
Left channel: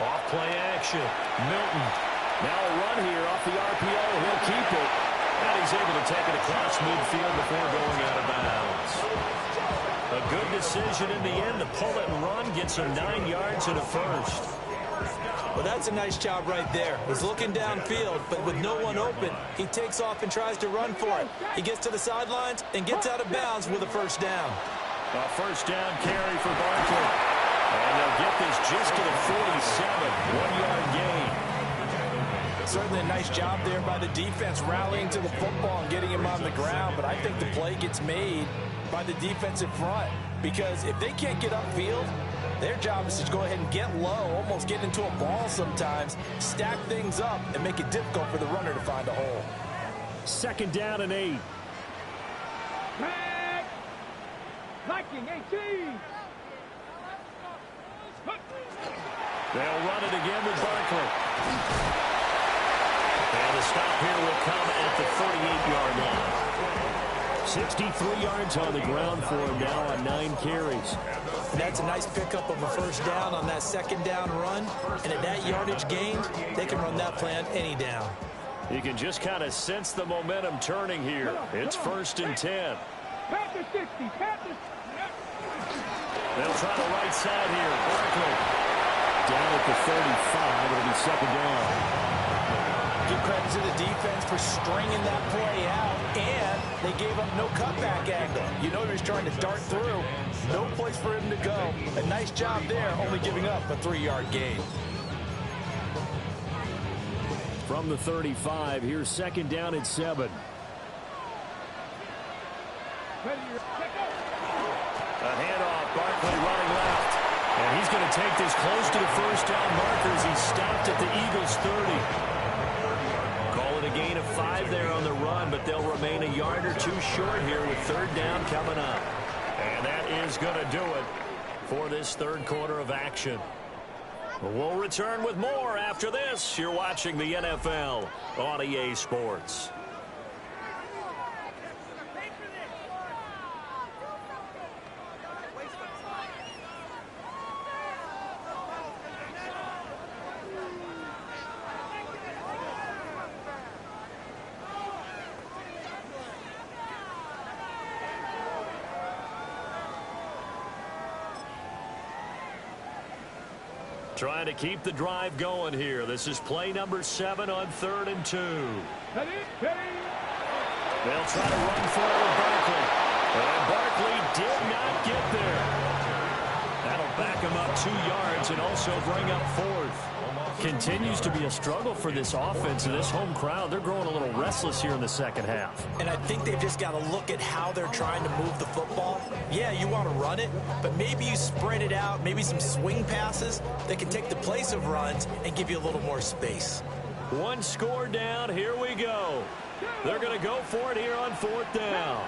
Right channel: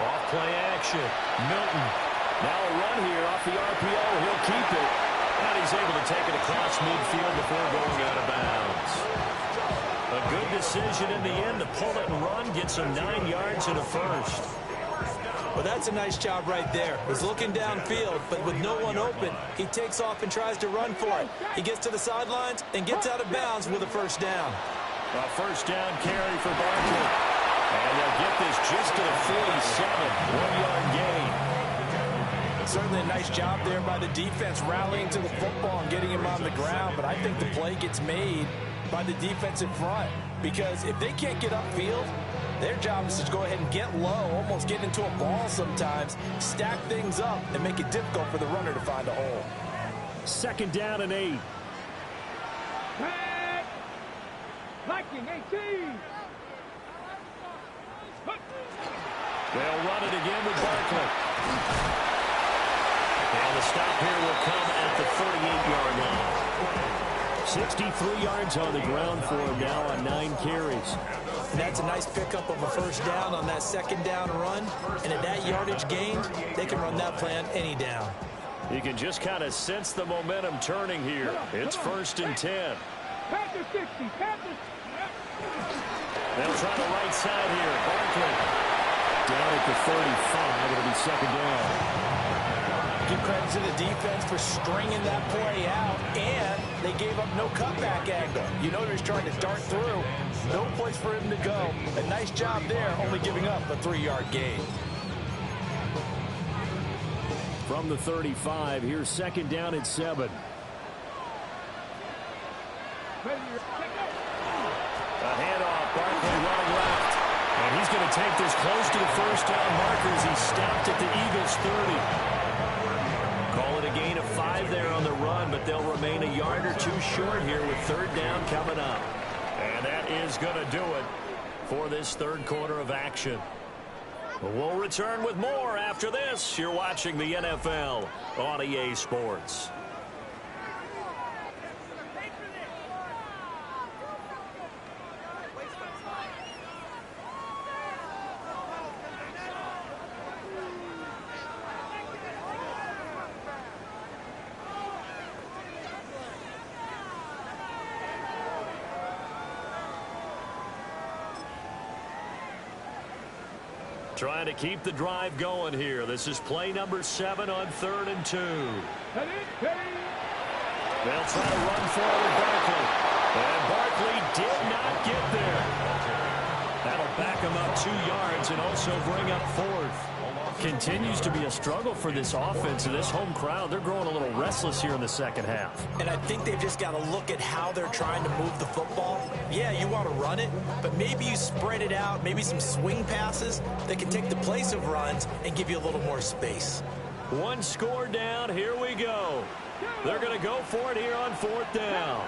Off play action. Milton. Now a run here off the RPO. He'll keep it. And he's able to take it across midfield before going out of bounds. A good decision in the end to pull it and run. Gets him 9 yards and a first. Well, that's a nice job right there. He's looking downfield, but with no one open, he takes off and tries to run for it. He gets to the sidelines and gets out of bounds with a first down. A first down carry for Barkley. And they'll get this just to the 47. 1 yard gain. Certainly a nice job there by the defense rallying to the football and getting him on the ground. But I think the play gets made by the defensive front. Because if they can't get upfield, their job is to go ahead and get low, almost get into a ball sometimes, stack things up, and make it difficult for the runner to find a hole. 2nd down and 8. Viking 18. They'll run it again with Barkley. And the stop here will come at the 38-yard line. 63 yards on the ground for him now on 9 carries. And that's a nice pickup of a first down on that 2nd down run. And at that yardage gained, they can run that play on any down. You can just kind of sense the momentum turning here. It's 1st and 10. Panther 60. Panther. They'll try the right side here. Barkley down at the 35. It'll be 2nd down. Give credit to the defense for stringing that play out, and they gave up no cutback angle. You know he was trying to dart through. No place for him to go. A nice job there, only giving up a 3-yard gain. From the 35, here's 2nd down and 7. A handoff, Barkley running left. And he's going to take this close to the first down marker as he stopped at the Eagles' 30. Call it a gain of 5 there on the run, but they'll remain a yard or 2 short here with 3rd down coming up. And that is going to do it for this 3rd quarter of action. We'll return with more after this. You're watching the NFL on EA Sports. Trying to keep the drive going here. This is play number 7 on 3rd and 2. They'll try to run for it with Barkley. And Barkley did not get there. That'll back him up 2 yards and also bring up 4th. Continues to be a struggle for this offense and this home crowd. They're growing a little restless here in the 2nd half. And I think they've just got to look at how they're trying to move the football. Yeah, you want to run it, but maybe you spread it out, maybe some swing passes that can take the place of runs and give you a little more space. 1 score down. Here we go. They're going to go for it here on 4th down.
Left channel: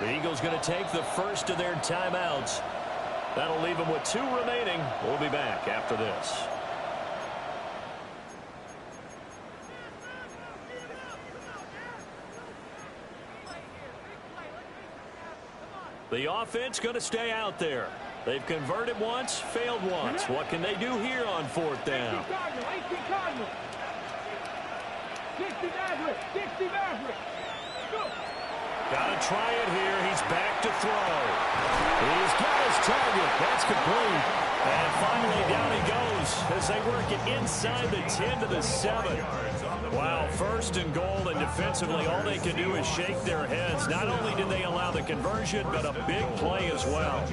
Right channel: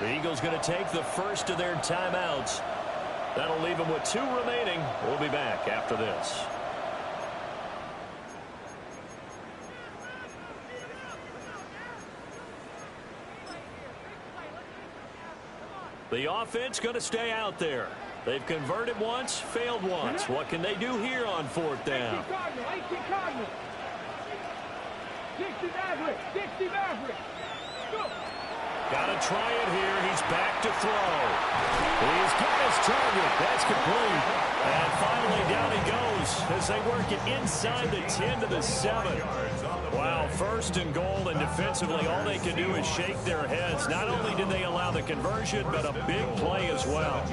The Eagles going to take the first of their timeouts. That'll leave them with 2 remaining. We'll be back after this. The offense going to stay out there. They've converted once, failed once. What can they do here on 4th down? 60 Maverick. 60 Maverick. Go. Got to try it here. He's back to throw. He's got his target. That's complete. And finally down he goes as they work it inside the 10 to the 7. Wow, 1st and goal, and defensively all they can do is shake their heads. Not only did they allow the conversion, but a big play as well.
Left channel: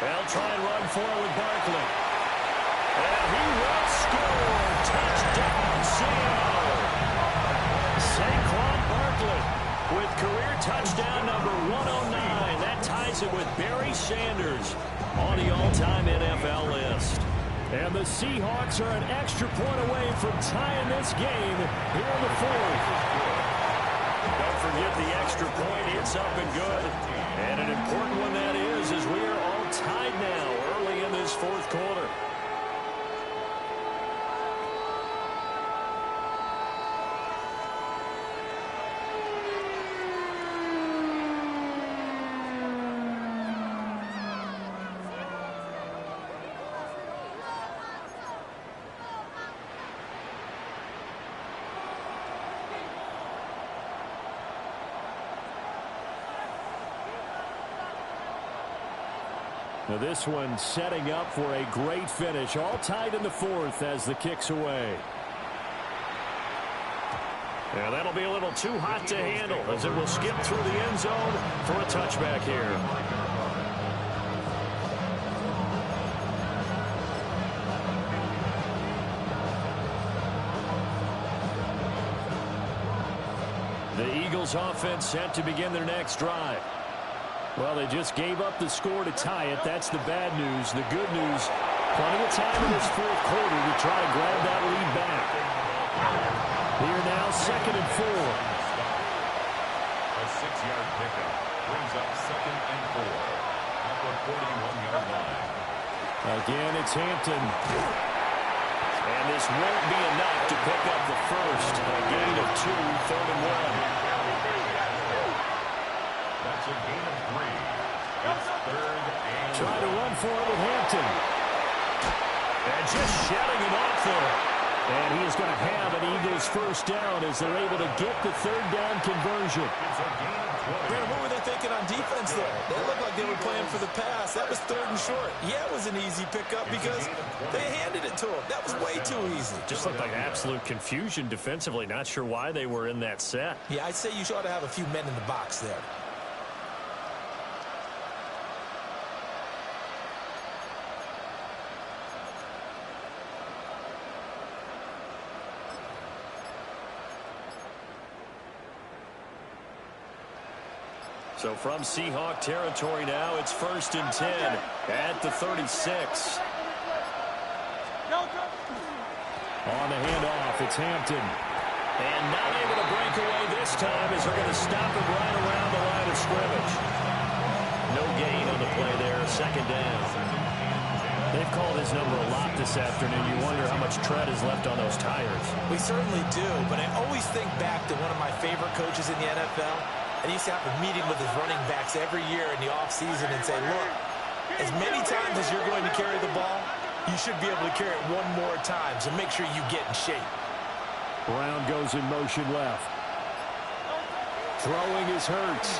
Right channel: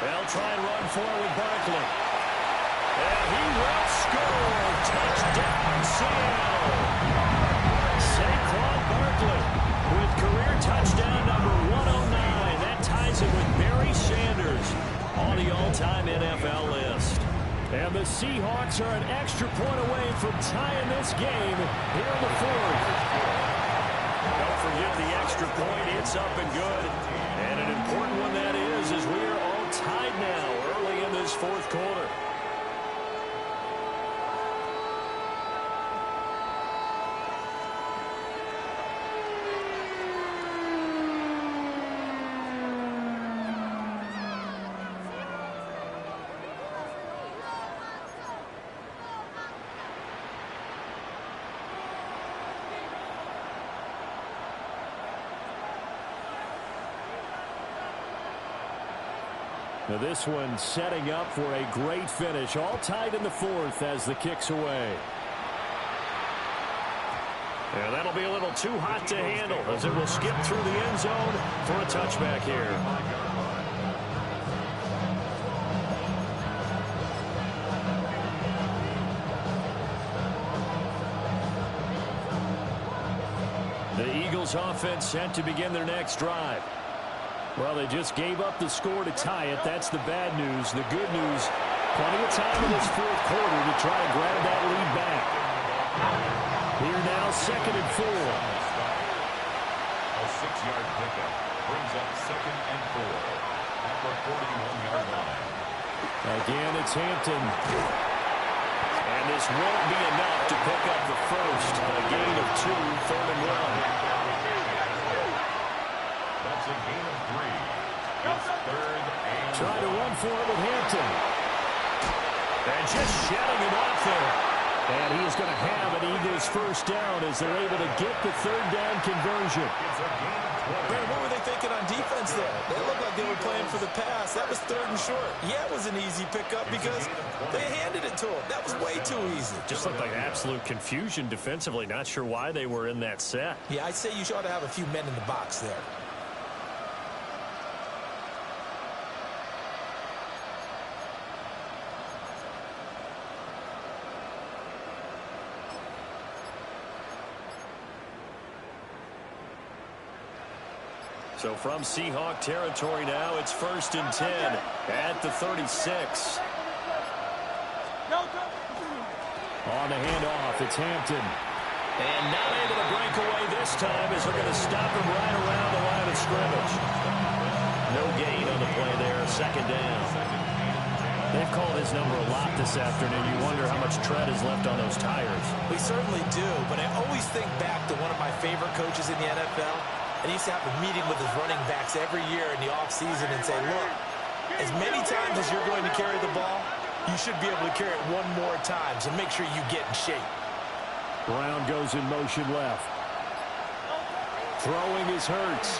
They'll try and run for it with Barkley. And he will score. Touchdown, Seattle. Saquon Barkley with career touchdown number 109. That ties it with Barry Sanders on the all-time NFL list. And the Seahawks are an extra point away from tying this game here in the fourth. Don't forget the extra point. It's up and good. And an important one that is, as we are all tied now early in this fourth quarter. Now this one setting up for a great finish. All tied in the fourth as the kick's away. Yeah, that'll be a little too hot to handle as it will skip through the end zone for a touchback here. The Eagles offense set to begin their next drive. Well, they just gave up the score to tie it. That's the bad news. The good news, plenty of time in this fourth quarter to try to grab that lead back. Here now, 2nd and 4. A 6-yard pickup brings up 2nd and 4 at the 41-yard line. Again, it's Hampton. And this won't be enough to pick up the first. A gain of 2, 3rd and 1. That's a gain of 3. It's 3rd and Trying to run for it with Hampton. And just shutting him off there. And he is going to have an Eagles first down as they're able to get the 3rd down conversion. it's a gain of 20. Brandon, what were they thinking on defense there? They looked like they were playing for the pass. That was 3rd and short. Yeah, it was an easy pickup because they handed it to him. That was way too easy. Just looked like absolute confusion defensively. Not sure why they were in that set. Yeah, I'd say you ought to have a few men in the box there. So from Seahawk territory now, it's 1st and 10 at the 36. On the handoff, it's Hampton. And not able to break away this time as they're going to stop him right around the line of scrimmage. No gain on the play there, 2nd down. They've called his number a lot this afternoon. You wonder how much tread is left on those tires. We certainly do, but I always think back to one of my favorite coaches in the NFL. And he used to have a meeting with his running backs every year in the offseason and say, look, as many times as you're going to carry the ball, you should be able to carry it one more time, so make sure you get in shape. Brown goes in motion left. Throwing is Hurts.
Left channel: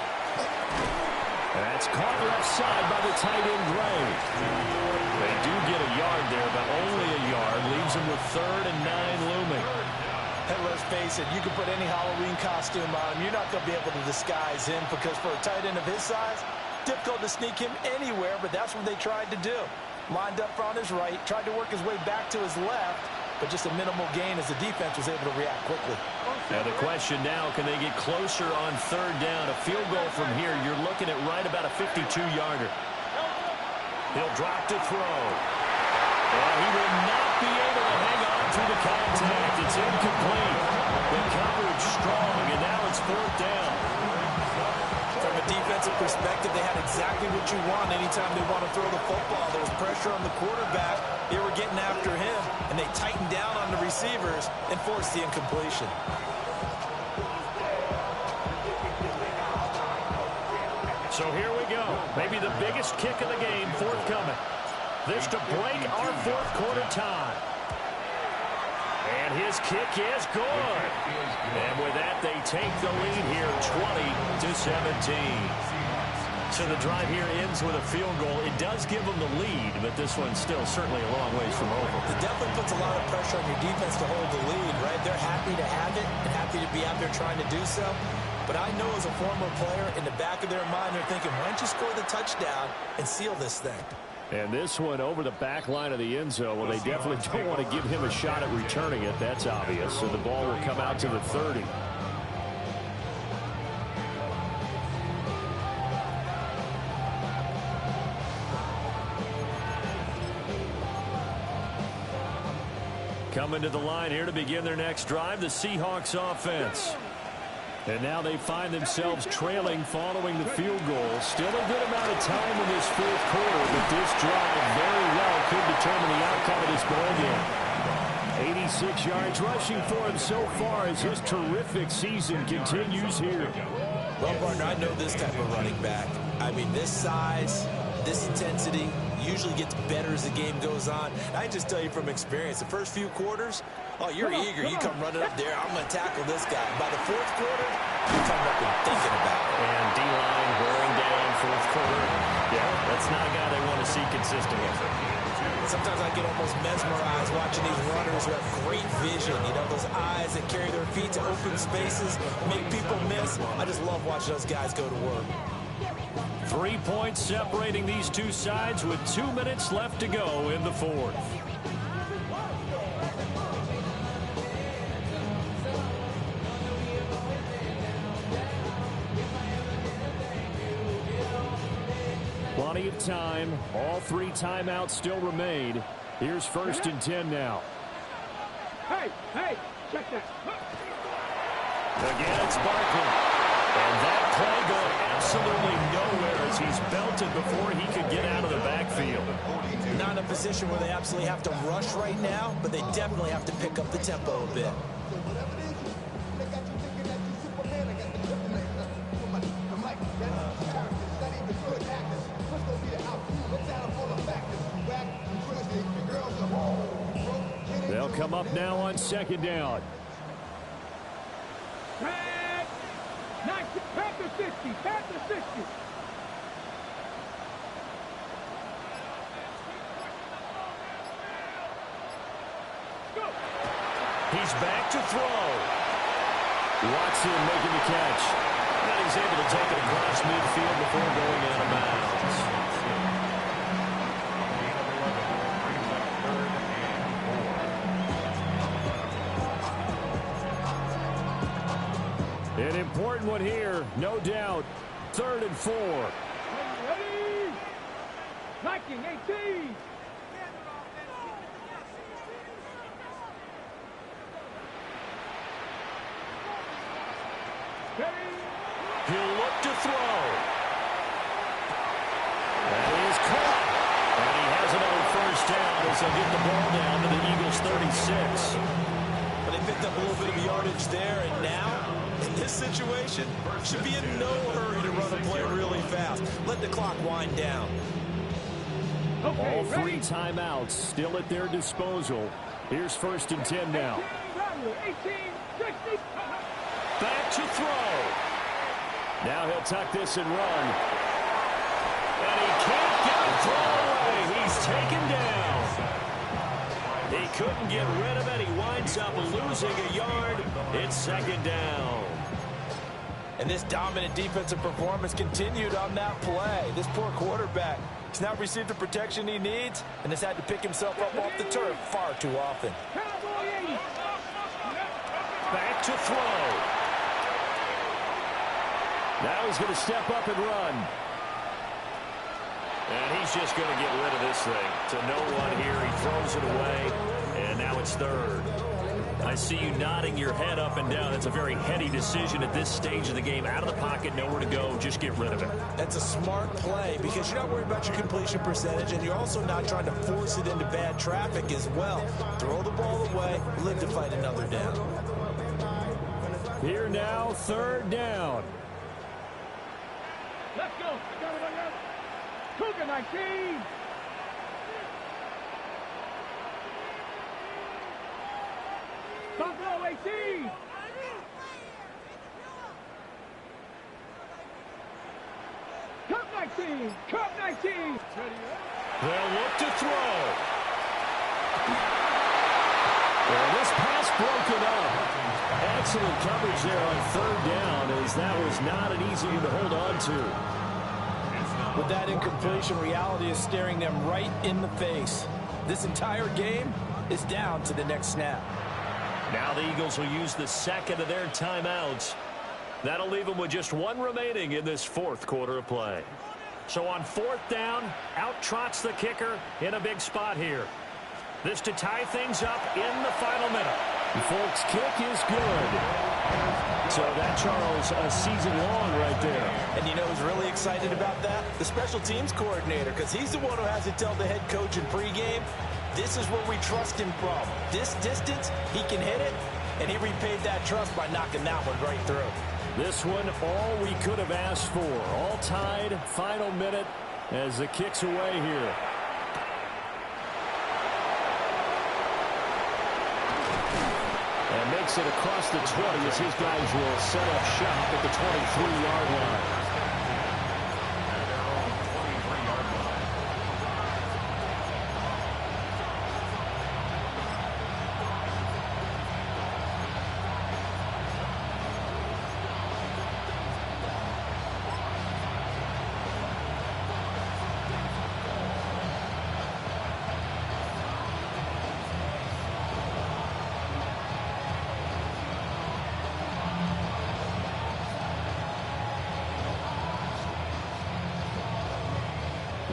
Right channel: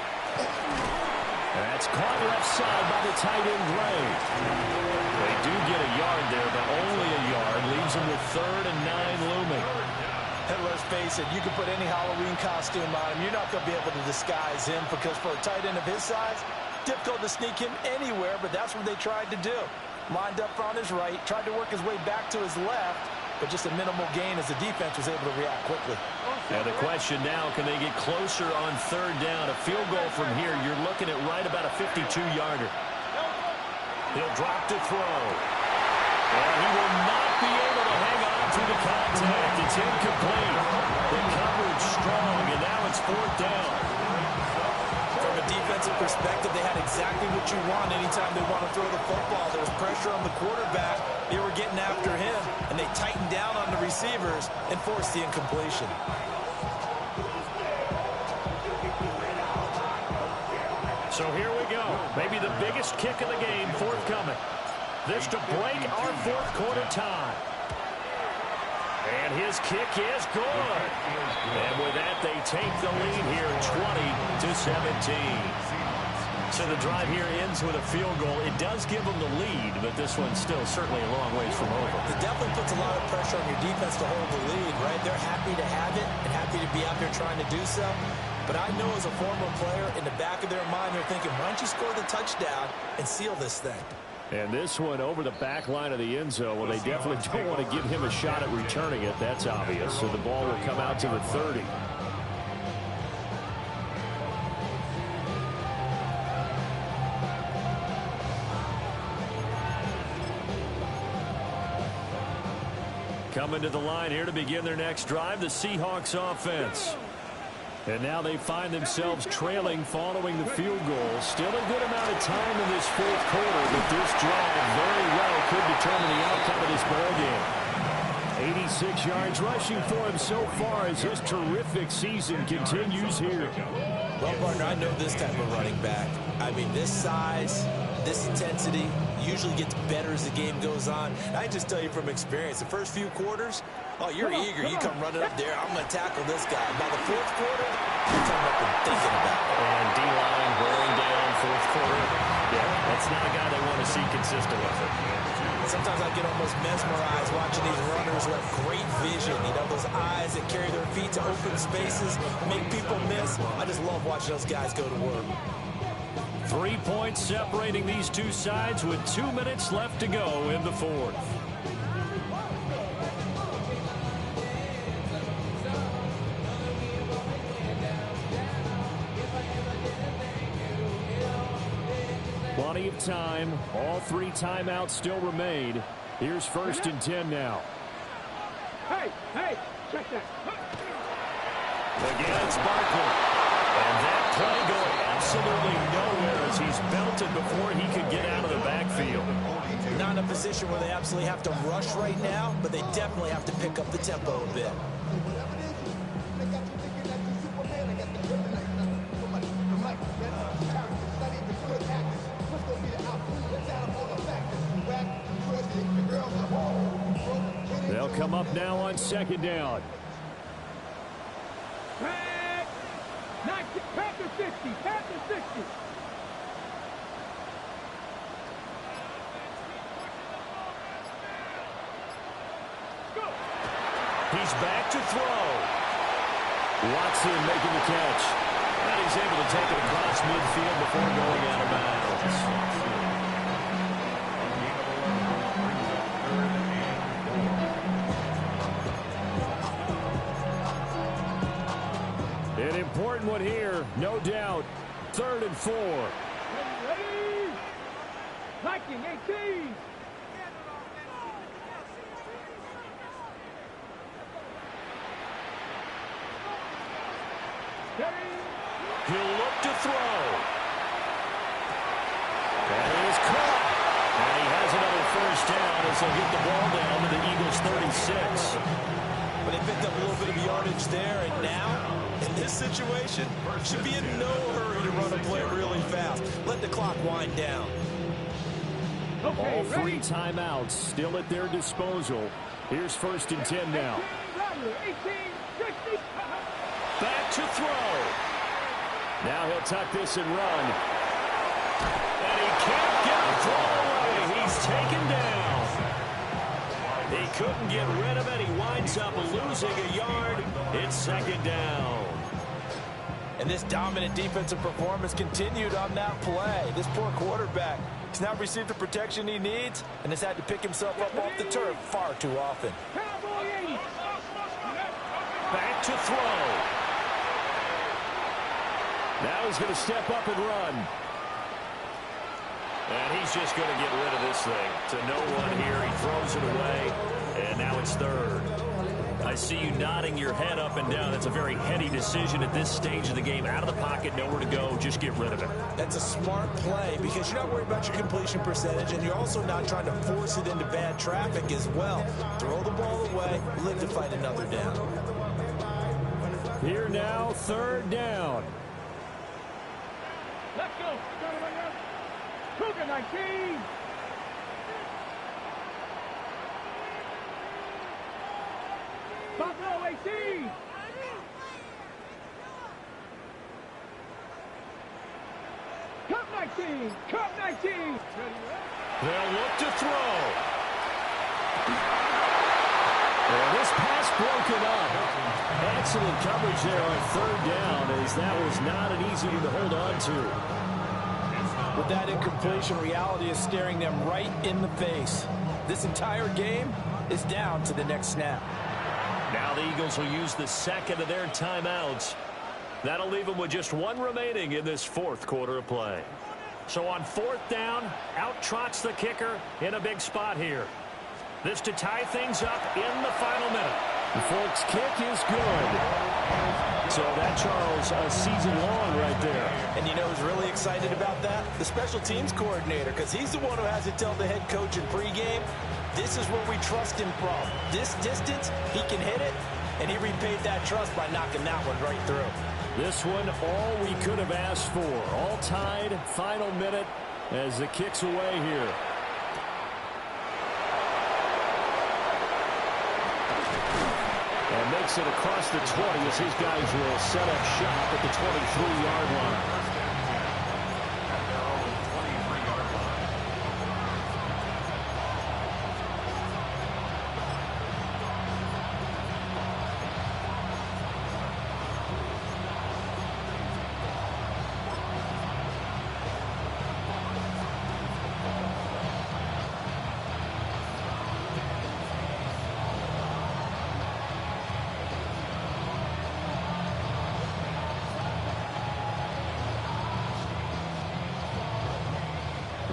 That's caught left side by the tight end Gray. They do get a yard there, but only a yard. Leaves them with 3rd and 9 looming. And let's face it, you can put any Halloween costume on him. You're not going to be able to disguise him because for a tight end of his size, difficult to sneak him anywhere, but that's what they tried to do. Lined up on his right, tried to work his way back to his left, but just a minimal gain as the defense was able to react quickly. Now the question now, can they get closer on 3rd down? A field goal from here, you're looking at right about a 52-yarder. He'll drop to throw. And he will not be able to hang on through the contact. It's incomplete. The coverage strong, and now it's 4th down. From a defensive perspective, they had exactly what you want anytime they want to throw the football. There was pressure on the quarterback. They were getting after him, and they tightened down on the receivers and forced the incompletion. So here we go. Maybe the biggest kick of the game forthcoming. This to break our fourth quarter tie. And his kick is good. And with that, they take the lead here 20-17. So the drive here ends with a field goal. It does give them the lead, but this one's still certainly a long ways from over. It definitely puts a lot of pressure on your defense to hold the lead, right? They're happy to have it and happy to be out there trying to do so. But I know as a former player, in the back of their mind, they're thinking, why don't you score the touchdown and seal this thing? And this one over the back line of the end zone. Well, they definitely don't want to give him a shot at returning it. That's obvious. So the ball will come out to the 30. Coming to the line here to begin their next drive, the Seahawks offense. And now they find themselves trailing following the field goal. Still a good amount of time in this fourth quarter, but this drive very well could determine the outcome of this ball game. 86 yards rushing for him so far as his terrific season continues here. Well, partner, I know this type of running back. I mean, this size, this intensity usually gets better as the game goes on. And I just tell you from experience, the first few quarters, oh, you're eager. You come running up there. I'm going to tackle this guy. By the fourth quarter, you're coming up and thinking about it. And D-line wearing down fourth quarter. Yeah, that's not a guy they want to see consistent with it. Sometimes I get almost mesmerized watching these runners who have great vision. You know, those eyes that carry their feet to open spaces, make people miss. I just love watching those guys go to work. 3 points separating these two sides with 2 minutes left to go in the fourth. Plenty of time. All 3 timeouts still remain. Here's 1st and 10 now. Hey, check that. Again, it's Barkley. And that play going absolutely nowhere as he's belted before he could get out of the backfield. Not in a position where they absolutely have to rush right now, but they definitely have to pick up the tempo a bit. They'll come up now on 2nd down. Pack to 60. Pack to 60. Go. He's back to throw. Watson making the catch. And he's able to take it across midfield before going out of bounds. An important one here, no doubt. 3rd and 4. Ready? Liking 18. He'll look to throw. That is caught. And he has another 1st down as they'll get the ball down to the Eagles' 36. But they picked up a little bit of yardage there, and now, in this situation, should be in no hurry to run a play really fast. Let the clock wind down. All 3 timeouts still at their disposal. Here's 1st and 10 now. 18, 60. Back to throw. Now he'll tuck this and run. And he can't get a throw away. He's taken down. He couldn't get rid of it. He winds up losing a yard. It's 2nd down. And this dominant defensive performance continued on that play. This poor quarterback has not received the protection he needs and has had to pick himself up off the turf far too often. Back to throw. Now he's going to step up and run. And he's just going to get rid of this thing. To no one here. He throws it away. And now it's 3rd. I see you nodding your head up and down. That's a very heady decision at this stage of the game. Out of the pocket, nowhere to go. Just get rid of it. That's a smart play because you're not worried about your completion percentage, and you're also not trying to force it into bad traffic as well. Throw the ball away, live to fight another down. Here now, 3rd down. Let's go. Cougar 19. Top row 18. Cup 19. Cup 19. They'll look to throw. And this pass broken up. Excellent coverage there on 3rd down, as that was not an easy one to hold on to. With that incompletion, reality is staring them right in the face. This entire game is down to the next snap. Now the Eagles will use the second of their timeouts. That'll leave them with just one remaining in this fourth quarter of play. So on fourth down, out trots the kicker in a big spot here. This to tie things up in the final minute. The Folks' kick is good. So that, Charles, a season long right there. And you know who's really excited about that? The special teams coordinator, because he's the one who has to tell the head coach in pregame, this is where we trust him from. This distance, he can hit it, and he repaid that trust by knocking that one right through. This one, all we could have asked for. All tied, final minute as the kick's away here. And makes it across the 20 as his guys will set up shop at the 23-yard line. At their own 23-yard line.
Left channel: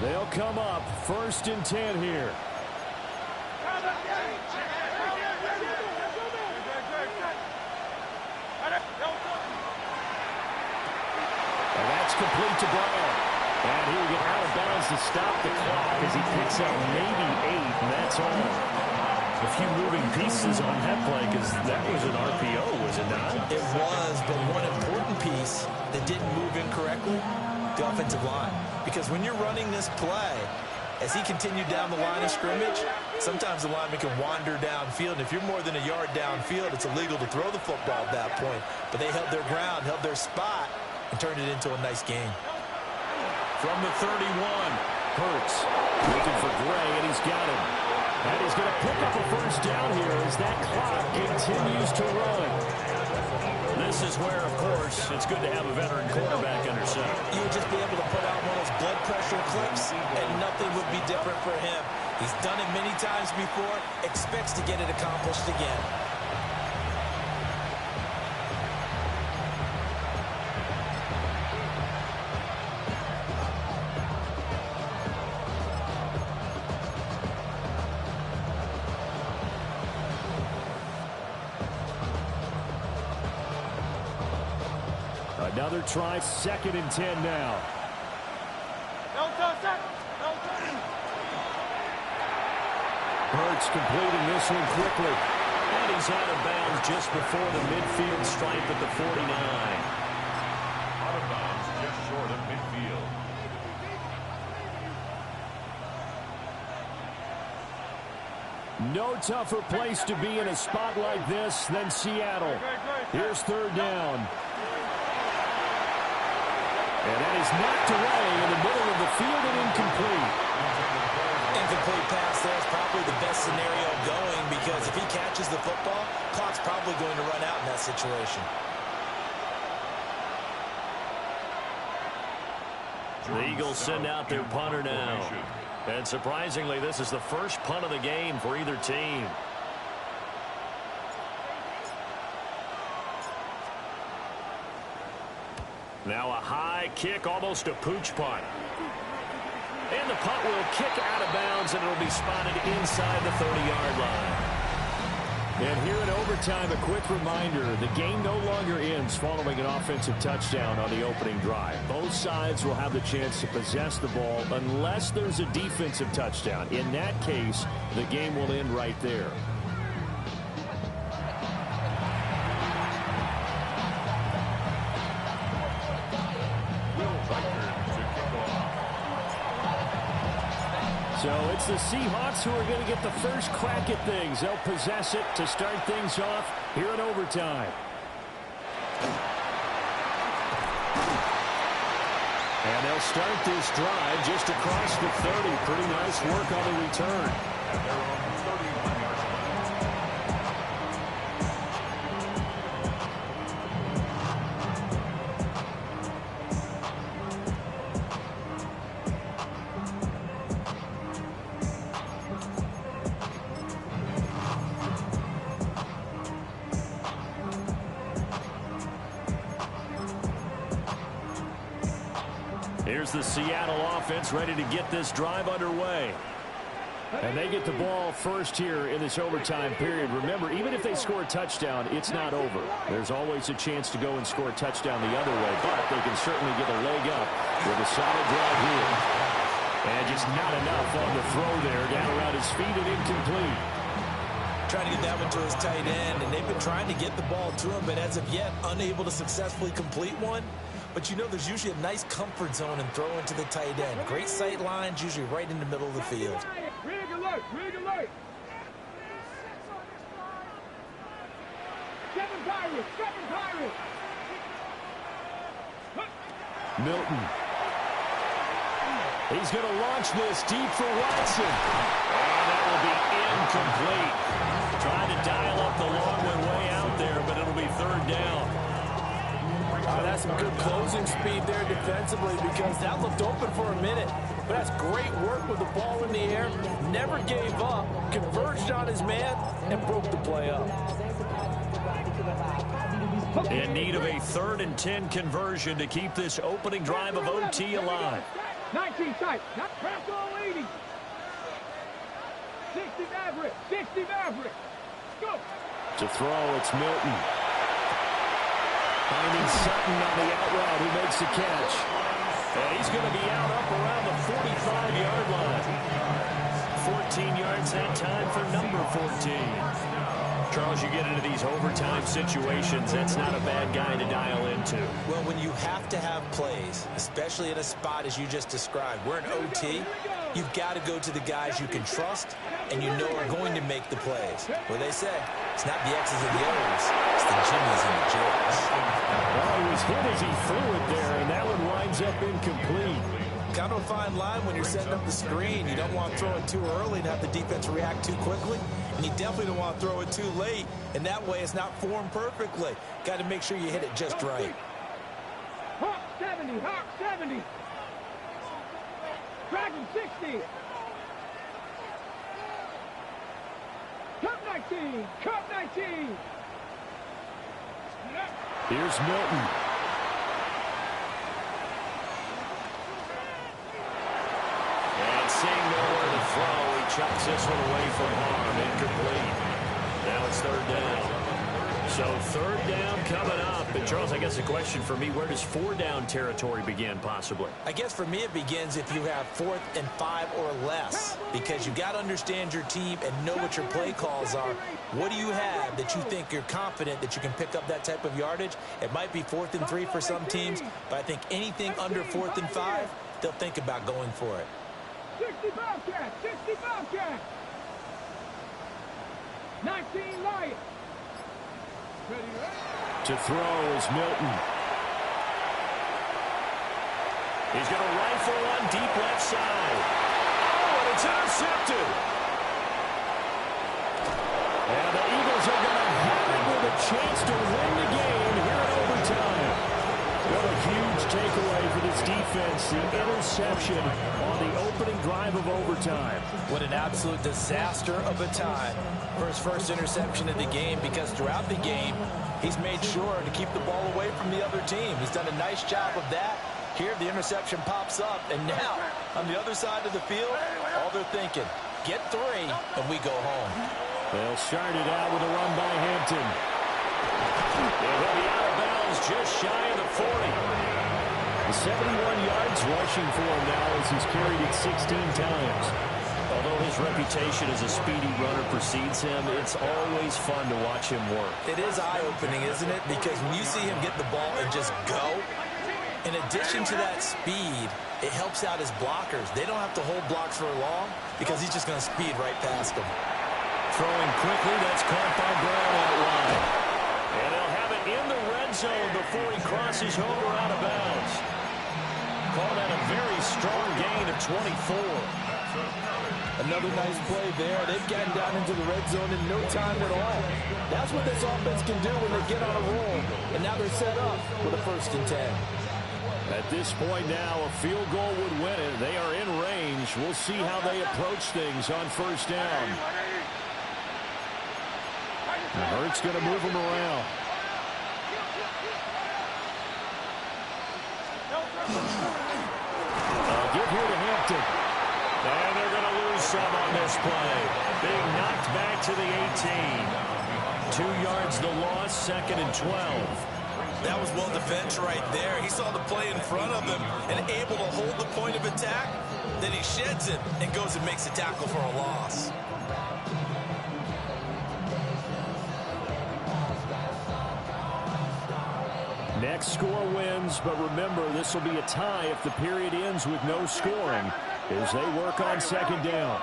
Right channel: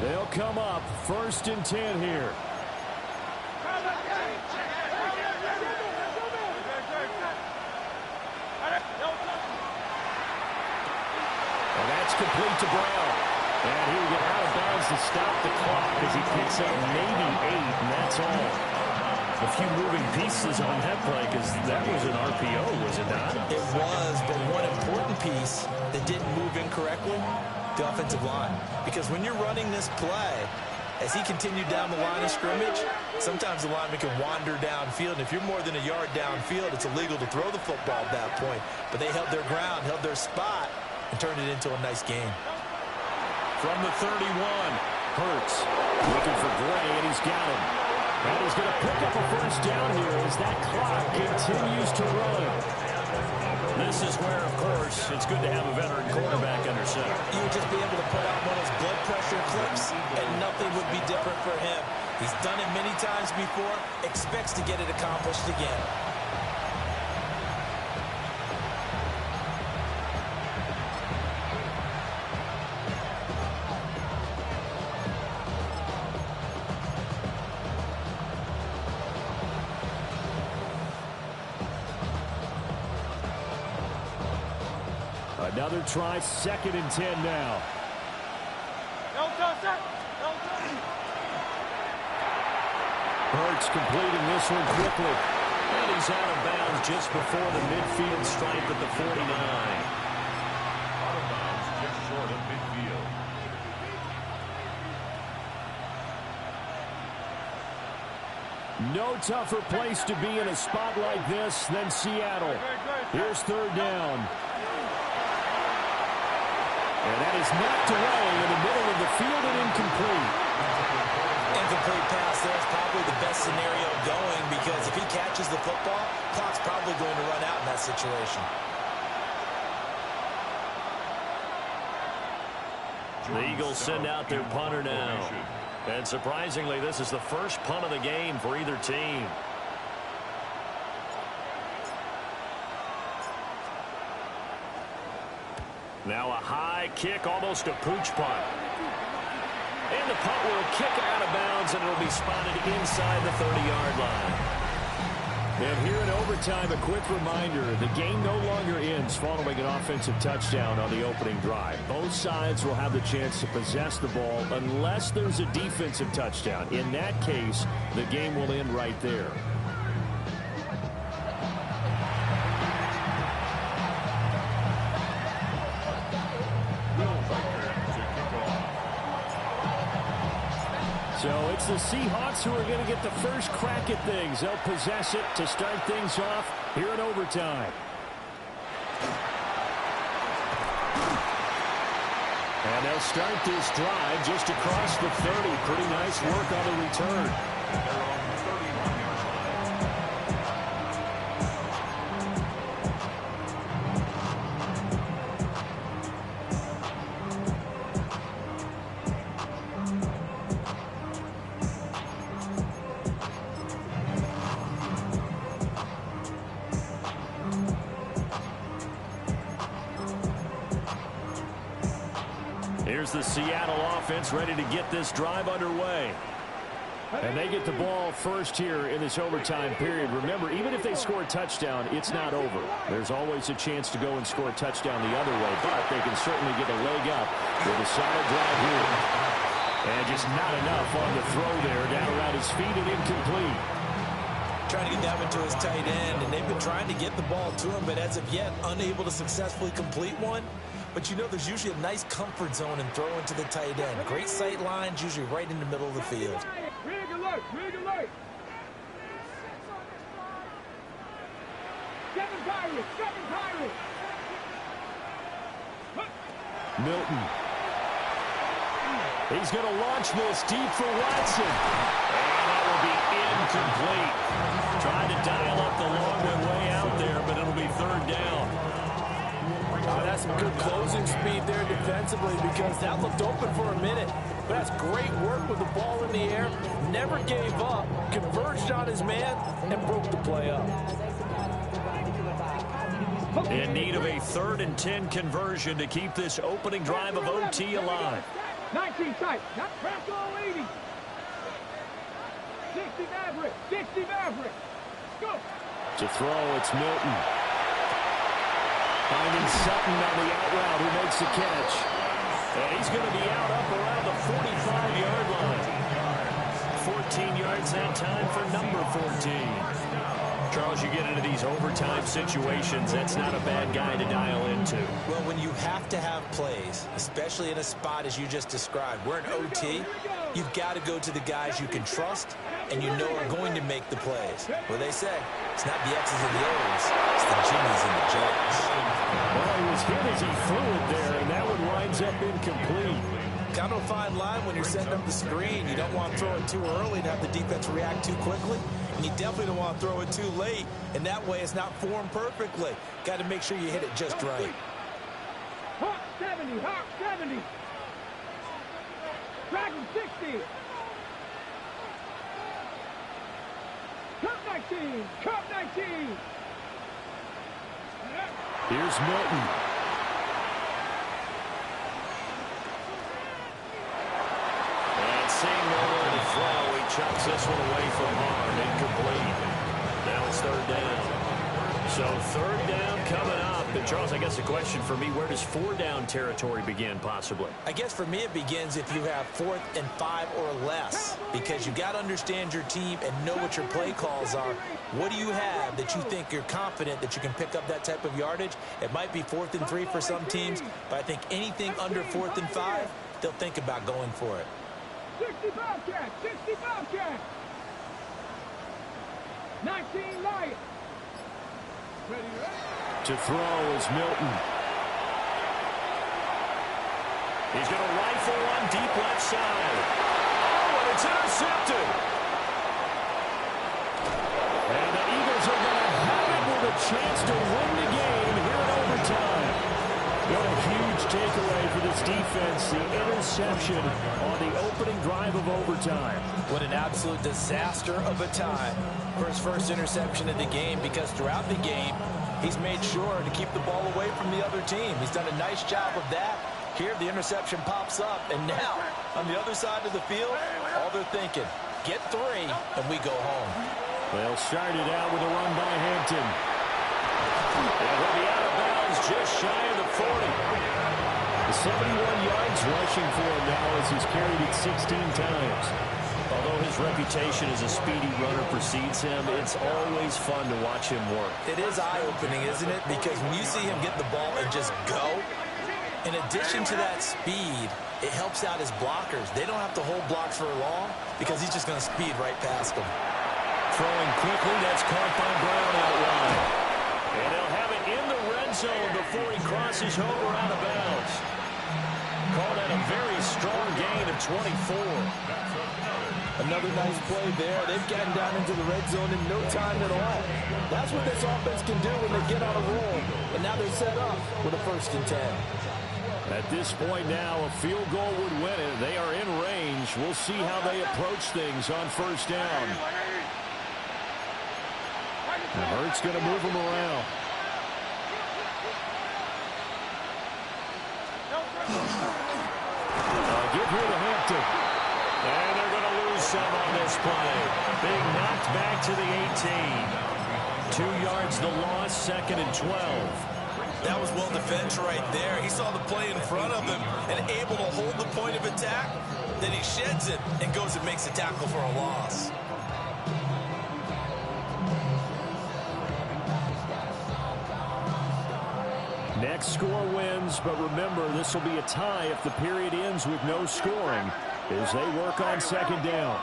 They'll come up 1st and 10 here. And that's complete to Brown. And he will get out of bounds to stop the clock as he picks up maybe 8, and that's all. A few moving pieces on that play because that was an RPO, was it not? It was, but one important piece that didn't move incorrectly, the offensive line. Because when you're running this play, as he continued down the line of scrimmage, sometimes the lineman can wander downfield. And if you're more than a yard downfield, it's illegal to throw the football at that point. But they held their ground, held their spot, and turned it into a nice game. From the 31, Hurts looking for Gray, and he's got him. And he's going to pick up a first down here as that clock continues to run. This is where, of course, it's good to have a veteran quarterback under center. You would just be able to put out one of those blood pressure clips, and nothing would be different for him. He's done it many times before, expects to get it accomplished again. Another try, 2nd and 10 now. Hurts completing this one quickly. And he's out of bounds just before the midfield stripe at the 49. Out of bounds just short of midfield. No tougher place to be in a spot like this than Seattle. Here's 3rd down. And that is knocked away in the middle of the field and incomplete. Incomplete pass there is probably the best scenario going because if he catches the football, clock's probably going to run out in that situation. The Eagles send out their punter now. And surprisingly, this is the first punt of the game for either team. Now a high kick, almost a pooch punt. And the punt will kick out of bounds, and it'll be spotted inside the 30-yard line. And here in overtime, a quick reminder, the game no longer ends following an offensive touchdown on the opening drive. Both sides will have the chance to possess the ball unless there's a defensive touchdown. In that case, the game will end right there. So it's the Seahawks who are going to get the first crack at things. They'll possess it to start things off here in overtime. And they'll start this drive just across the 30. Pretty nice work on the return. At their own 31-yard line. Here's the Seattle offense ready to get this drive underway. And they get the ball first here in this overtime period. Remember, even if they score a touchdown, it's not over. There's always a chance to go and score a touchdown the other way, but they can certainly get a leg up with a solid drive here. And just not enough on the throw there. Down around his feet and incomplete. Trying to get that one to his tight end, and they've been trying to get the ball to him, but as of yet, unable to successfully complete one. But you know there's usually a nice comfort zone in throwing to the tight end. Great sight lines, usually right in the middle of the field. Rig alert, rig alert. 7 Pirates, 7 Pirates. Milton. He's going to launch this deep for Watson. And that will be incomplete. Trying to dial up the long one way out there, but it'll be third down. That's some good closing speed there defensively because that looked open for a minute. But that's great work with the ball in the air. Never gave up, converged on his man, and broke the play up. In need of a 3rd and 10 conversion to keep this opening drive of OT alive. 19 tight, not press all 80. 60 Maverick, 60 Maverick. Go. To throw, it's Milton. Finding Sutton on the out route, who makes the catch. And he's going to be out up around the 45-yard line. 14 yards that time for number 14. Charles, you get into these overtime situations, that's not a bad guy to dial into. Well, when you have to have plays, especially in a spot as you just described, we're in OT, you've got to go to the guys you can trust and you know are going to make the plays. Well, they say, it's not the X's and the O's, it's the Jimmies and the Joes. Well, he was hit as he threw it there, and that one winds up incomplete. Kind of a fine line when you're setting up the screen. You don't want to throw it too early and have the defense react too quickly. And you definitely don't want to throw it too late, and that way it's not formed perfectly. Got to make sure you hit it just right. Hawk 70, Hawk 70. Dragon 60. Cup 19, Cup 19. Here's Milton. And seeing nowhere to throw, he chucks this one away from harm. Incomplete. Now it's third down. So third down coming up. And Charles, I guess the question for me, where does 4 down territory begin possibly? I guess for me it begins if you have 4th and 5 or less, because you've got to understand your team and know what your play calls are. What do you have that you think you're confident that you can pick up that type of yardage? It might be 4th and 3 for some teams, but I think anything under 4th and 5, they'll think about going for it. 60 Bobcat, 60 Bobcat. 19 Lion. Ready, ready. To throw is Milton. He's going to rifle one deep left side. Oh, and it's intercepted. And the Eagles are going to have it with a chance to win the game here in overtime. What a huge takeaway for this defense, the interception on the opening drive of overtime. What an absolute disaster of a time for his first interception of the game, because throughout the game, he's made sure to keep the ball away from the other team. He's done a nice job of that. Here, the interception pops up, and now, on the other side of the field, all they're thinking, get 3, and we go home. They'll start it out with a run by Hampton. And he'll be out of bounds just shy of the 40. The 71 yards rushing for him now as he's carried it 16 times. Although his reputation as a speedy runner precedes him, it's always fun to watch him work. It is eye-opening, isn't it? Because when you see him get the ball and just go, in addition to that speed, it helps out his blockers. They don't have to hold blocks for long because he's just going to speed right past them. Throwing quickly, that's caught by Brown out wide. And they'll have it in the red zone before he crosses over out of bounds. Call that a very strong gain of 24. Another nice play there. They've gotten down into the red zone in no time at all. That's what this offense can do when they get on a roll. And now they're set up with a 1st and 10. At this point now, a field goal would win it. They are in range. We'll see how they approach things on 1st down. And Hurts going to move him around. give here to Hampton. And they're going to lose some on this play. Being knocked back to the 18. 2 yards the loss, 2nd and 12. That was well defended right there. He saw the play in front of him and able to hold the point of attack. Then he sheds it and goes and makes a tackle for a loss. Next score wins, but remember, this will be a tie if the period ends with no scoring as they work on 2nd down.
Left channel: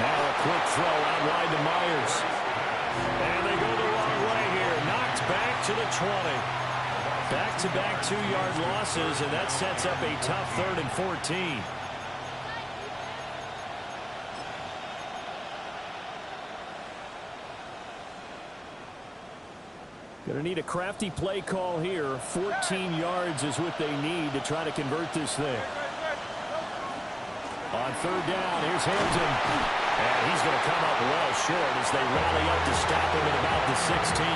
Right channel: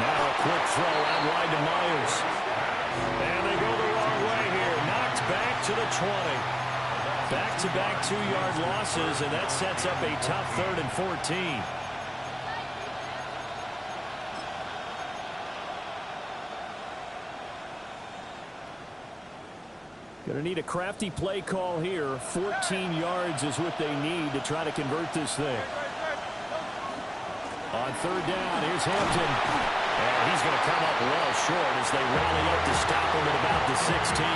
Now a quick throw out wide to Myers. And they go the wrong way here. Knocked back to the 20. Back-to-back 2-yard losses, and that sets up a tough 3rd and 14. Going to need a crafty play call here. 14 yards is what they need to try to convert this thing. On 3rd down, here's Hampton. And he's going to come up well short as they rally up to stop him at about the 16.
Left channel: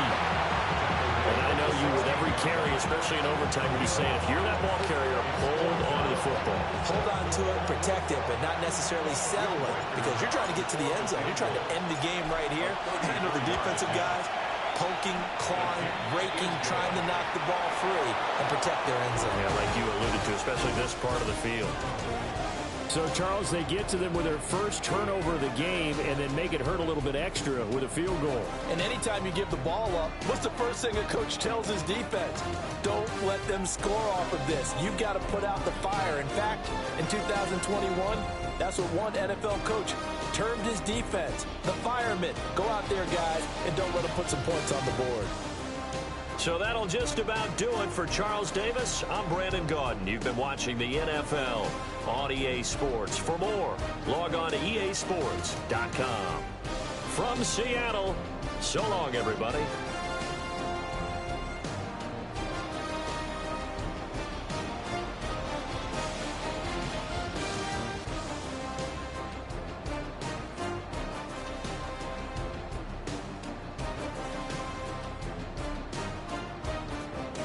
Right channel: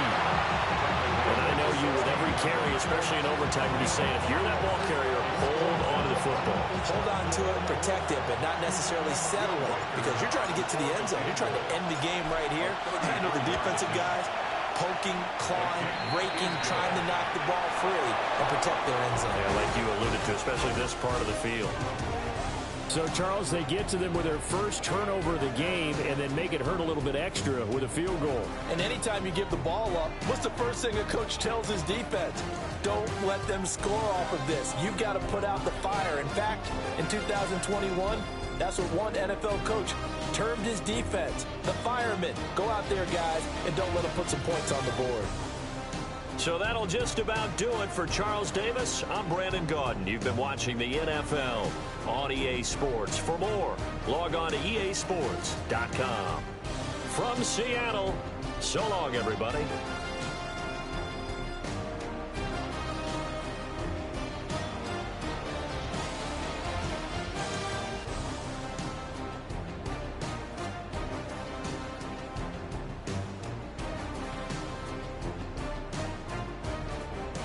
And I know you, with every carry, especially in overtime, you're just saying, if you're that ball carrier, hold on to the football. Hold on to it, protect it, but not necessarily settle it, because you're trying to get to the end zone. You're trying to end the game right here. Handle the defensive guys, poking, clawing, raking, trying to knock the ball free and protect their end zone. Yeah, like you alluded to, especially this part of the field. So, Charles, they get to them with their first turnover of the game and then make it hurt a little bit extra with a field goal. And anytime you give the ball up, what's the first thing a coach tells his defense? Don't let them score off of this. You've got to put out the fire. In fact, in 2021, that's what one NFL coach termed his defense, the firemen. Go out there, guys, and don't let them put some points on the board. So that'll just about do it for Charles Davis. I'm Brandon Gaudin. You've been watching the NFL on EA Sports. For more, log on to easports.com. From Seattle, so long, everybody.